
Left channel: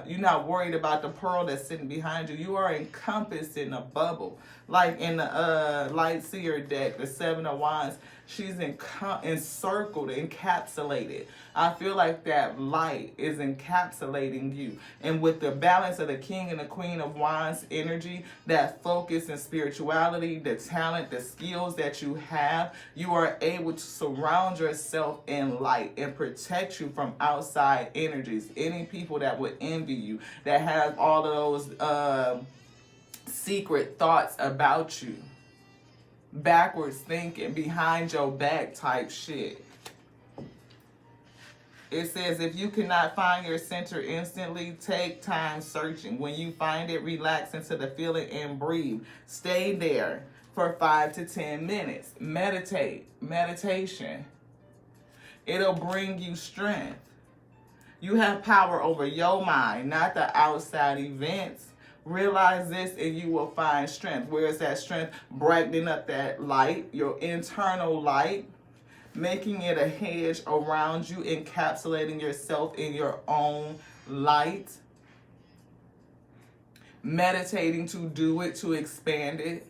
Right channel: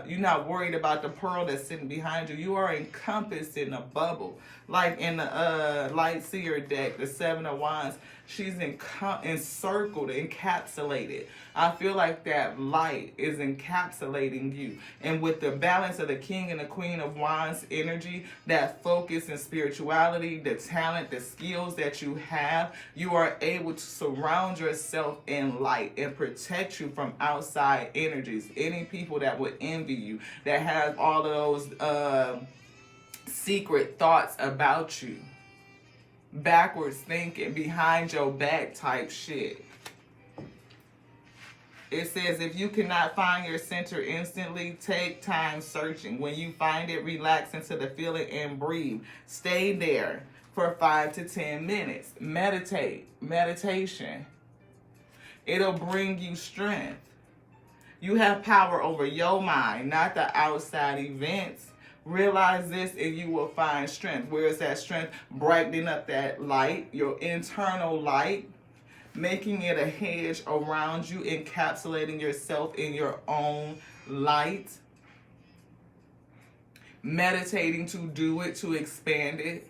you're not worried about the pearl that's sitting behind you. You are encompassed in a bubble. Like in the Light Seer deck, the Seven of Wands, she's encircled, encapsulated. I feel like that light is encapsulating you. And with the balance of the King and the Queen of Wands energy, that focus and spirituality, the talent, the skills that you have, you are able to surround yourself in light and protect you from outside energies. Any people that would envy you, that have all of those secret thoughts about you, backwards thinking, behind your back type shit. It says, if you cannot find your center instantly, take time searching. When you find it, relax into the feeling and breathe. Stay there for 5 to 10 minutes. Meditate. Meditation. It'll bring you strength. You have power over your mind, not the outside events. Realize this and you will find strength. Where is that strength? Brightening up that light, your internal light. Making it a hedge around you, encapsulating yourself in your own light. Meditating to do it, to expand it.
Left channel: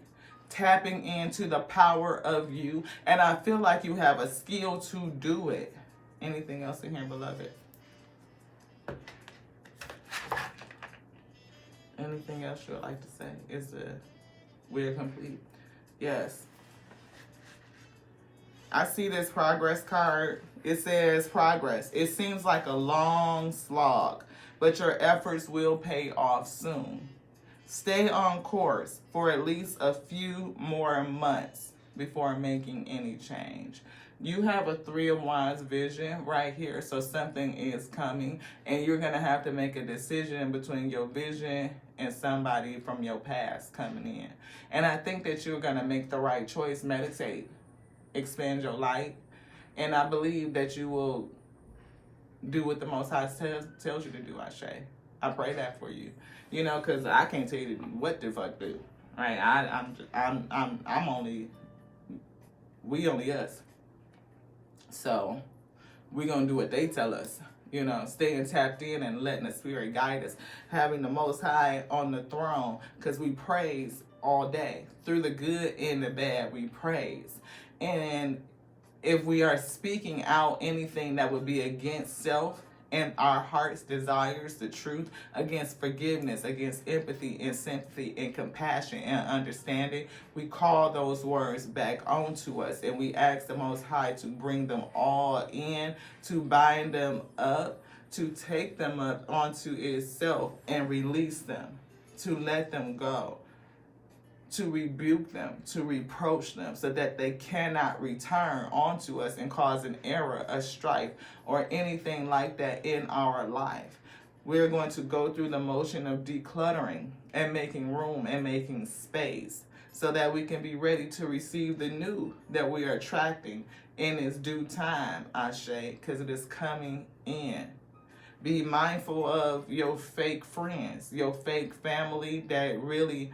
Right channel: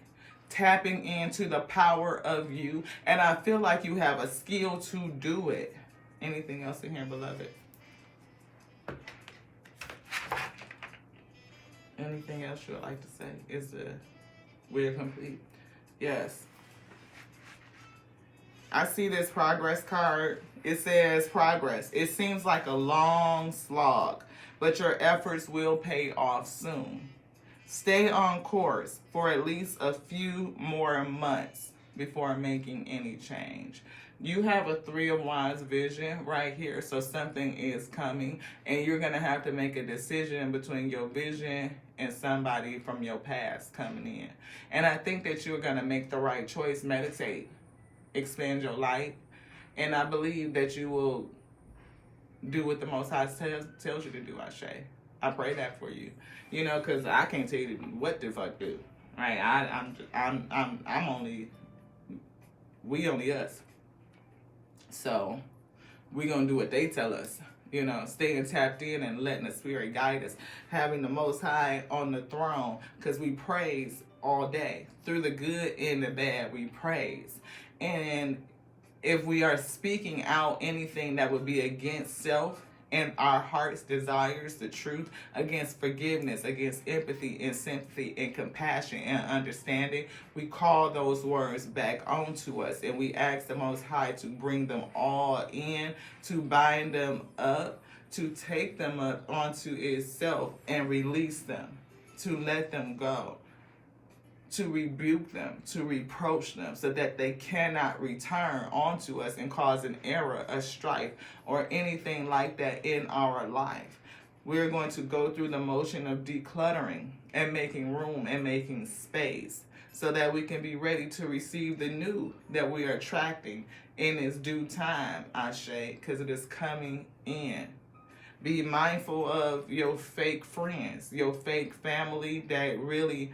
Tapping into the power of you. And I feel like you have a skill to do it. Anything else in here, beloved? Anything else you would like to say? We're complete? Yes. I see this progress card. It says progress. It seems like a long slog, but your efforts will pay off soon. Stay on course for at least a few more months before making any change. You have a Three of Wands vision right here, so something is coming, and you're going to have to make a decision between your vision and somebody from your past coming in. And I think that you're going to make the right choice. Meditate. Expand your light, and I believe that you will do what the Most High tells you to do. I pray that for you, because I can't tell you what the fuck do. Right? We only us. So we're gonna do what they tell us. Staying tapped in and letting the Spirit guide us, having the Most High on the throne, because we praise all day through the good and the bad. We praise. And if we are speaking out anything that would be against self and our heart's desires, the truth, against forgiveness, against empathy and sympathy and compassion and understanding, we call those words back onto us, and we ask the Most High to bring them all in, to bind them up, to take them up onto itself and release them, to let them go, to rebuke them, to reproach them, so that they cannot return onto us and cause an error, a strife, or anything like that in our life. We're going to go through the motion of decluttering and making room and making space so that we can be ready to receive the new that we are attracting in its due time, Ashe, because it is coming in. Be mindful of your fake friends, your fake family that really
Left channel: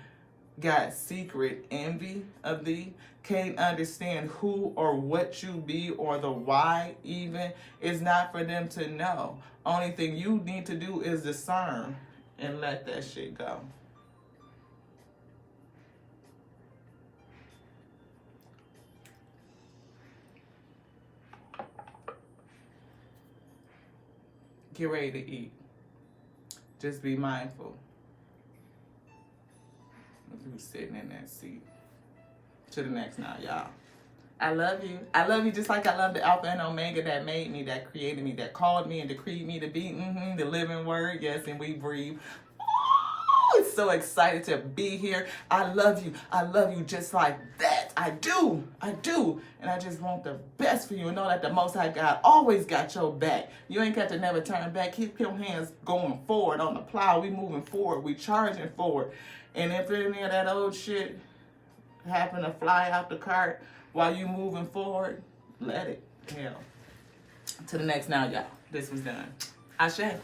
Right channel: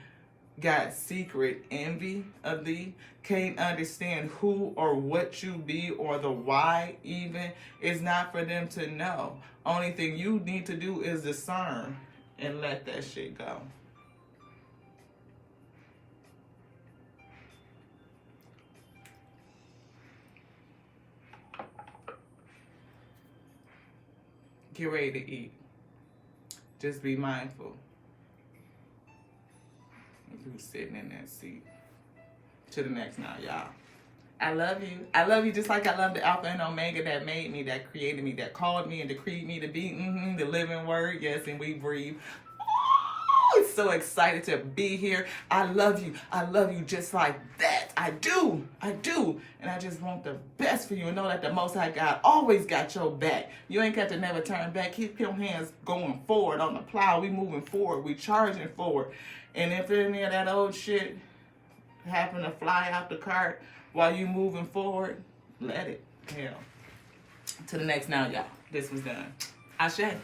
got secret envy of thee, can't understand who or what you be or the why even. It's not for them to know. Only thing you need to do is discern and let that shit go. Get ready to eat. Just be mindful. You sitting in that seat. To the next now, y'all. I love you. I love you just like I love the Alpha and Omega that made me, that created me, that called me and decreed me to be the living word. Yes, and we breathe. Oh, it's so excited to be here. I love you. I love you just like that. I do. And I just want the best for you. And know that the Most High God always got your back. You ain't got to never turn back. Keep your hands going forward on the plow. We moving forward. We charging forward. And if any of that old shit happen to fly out the cart while you moving forward, let it. Hell. To the next now, y'all. This was done. Ashe.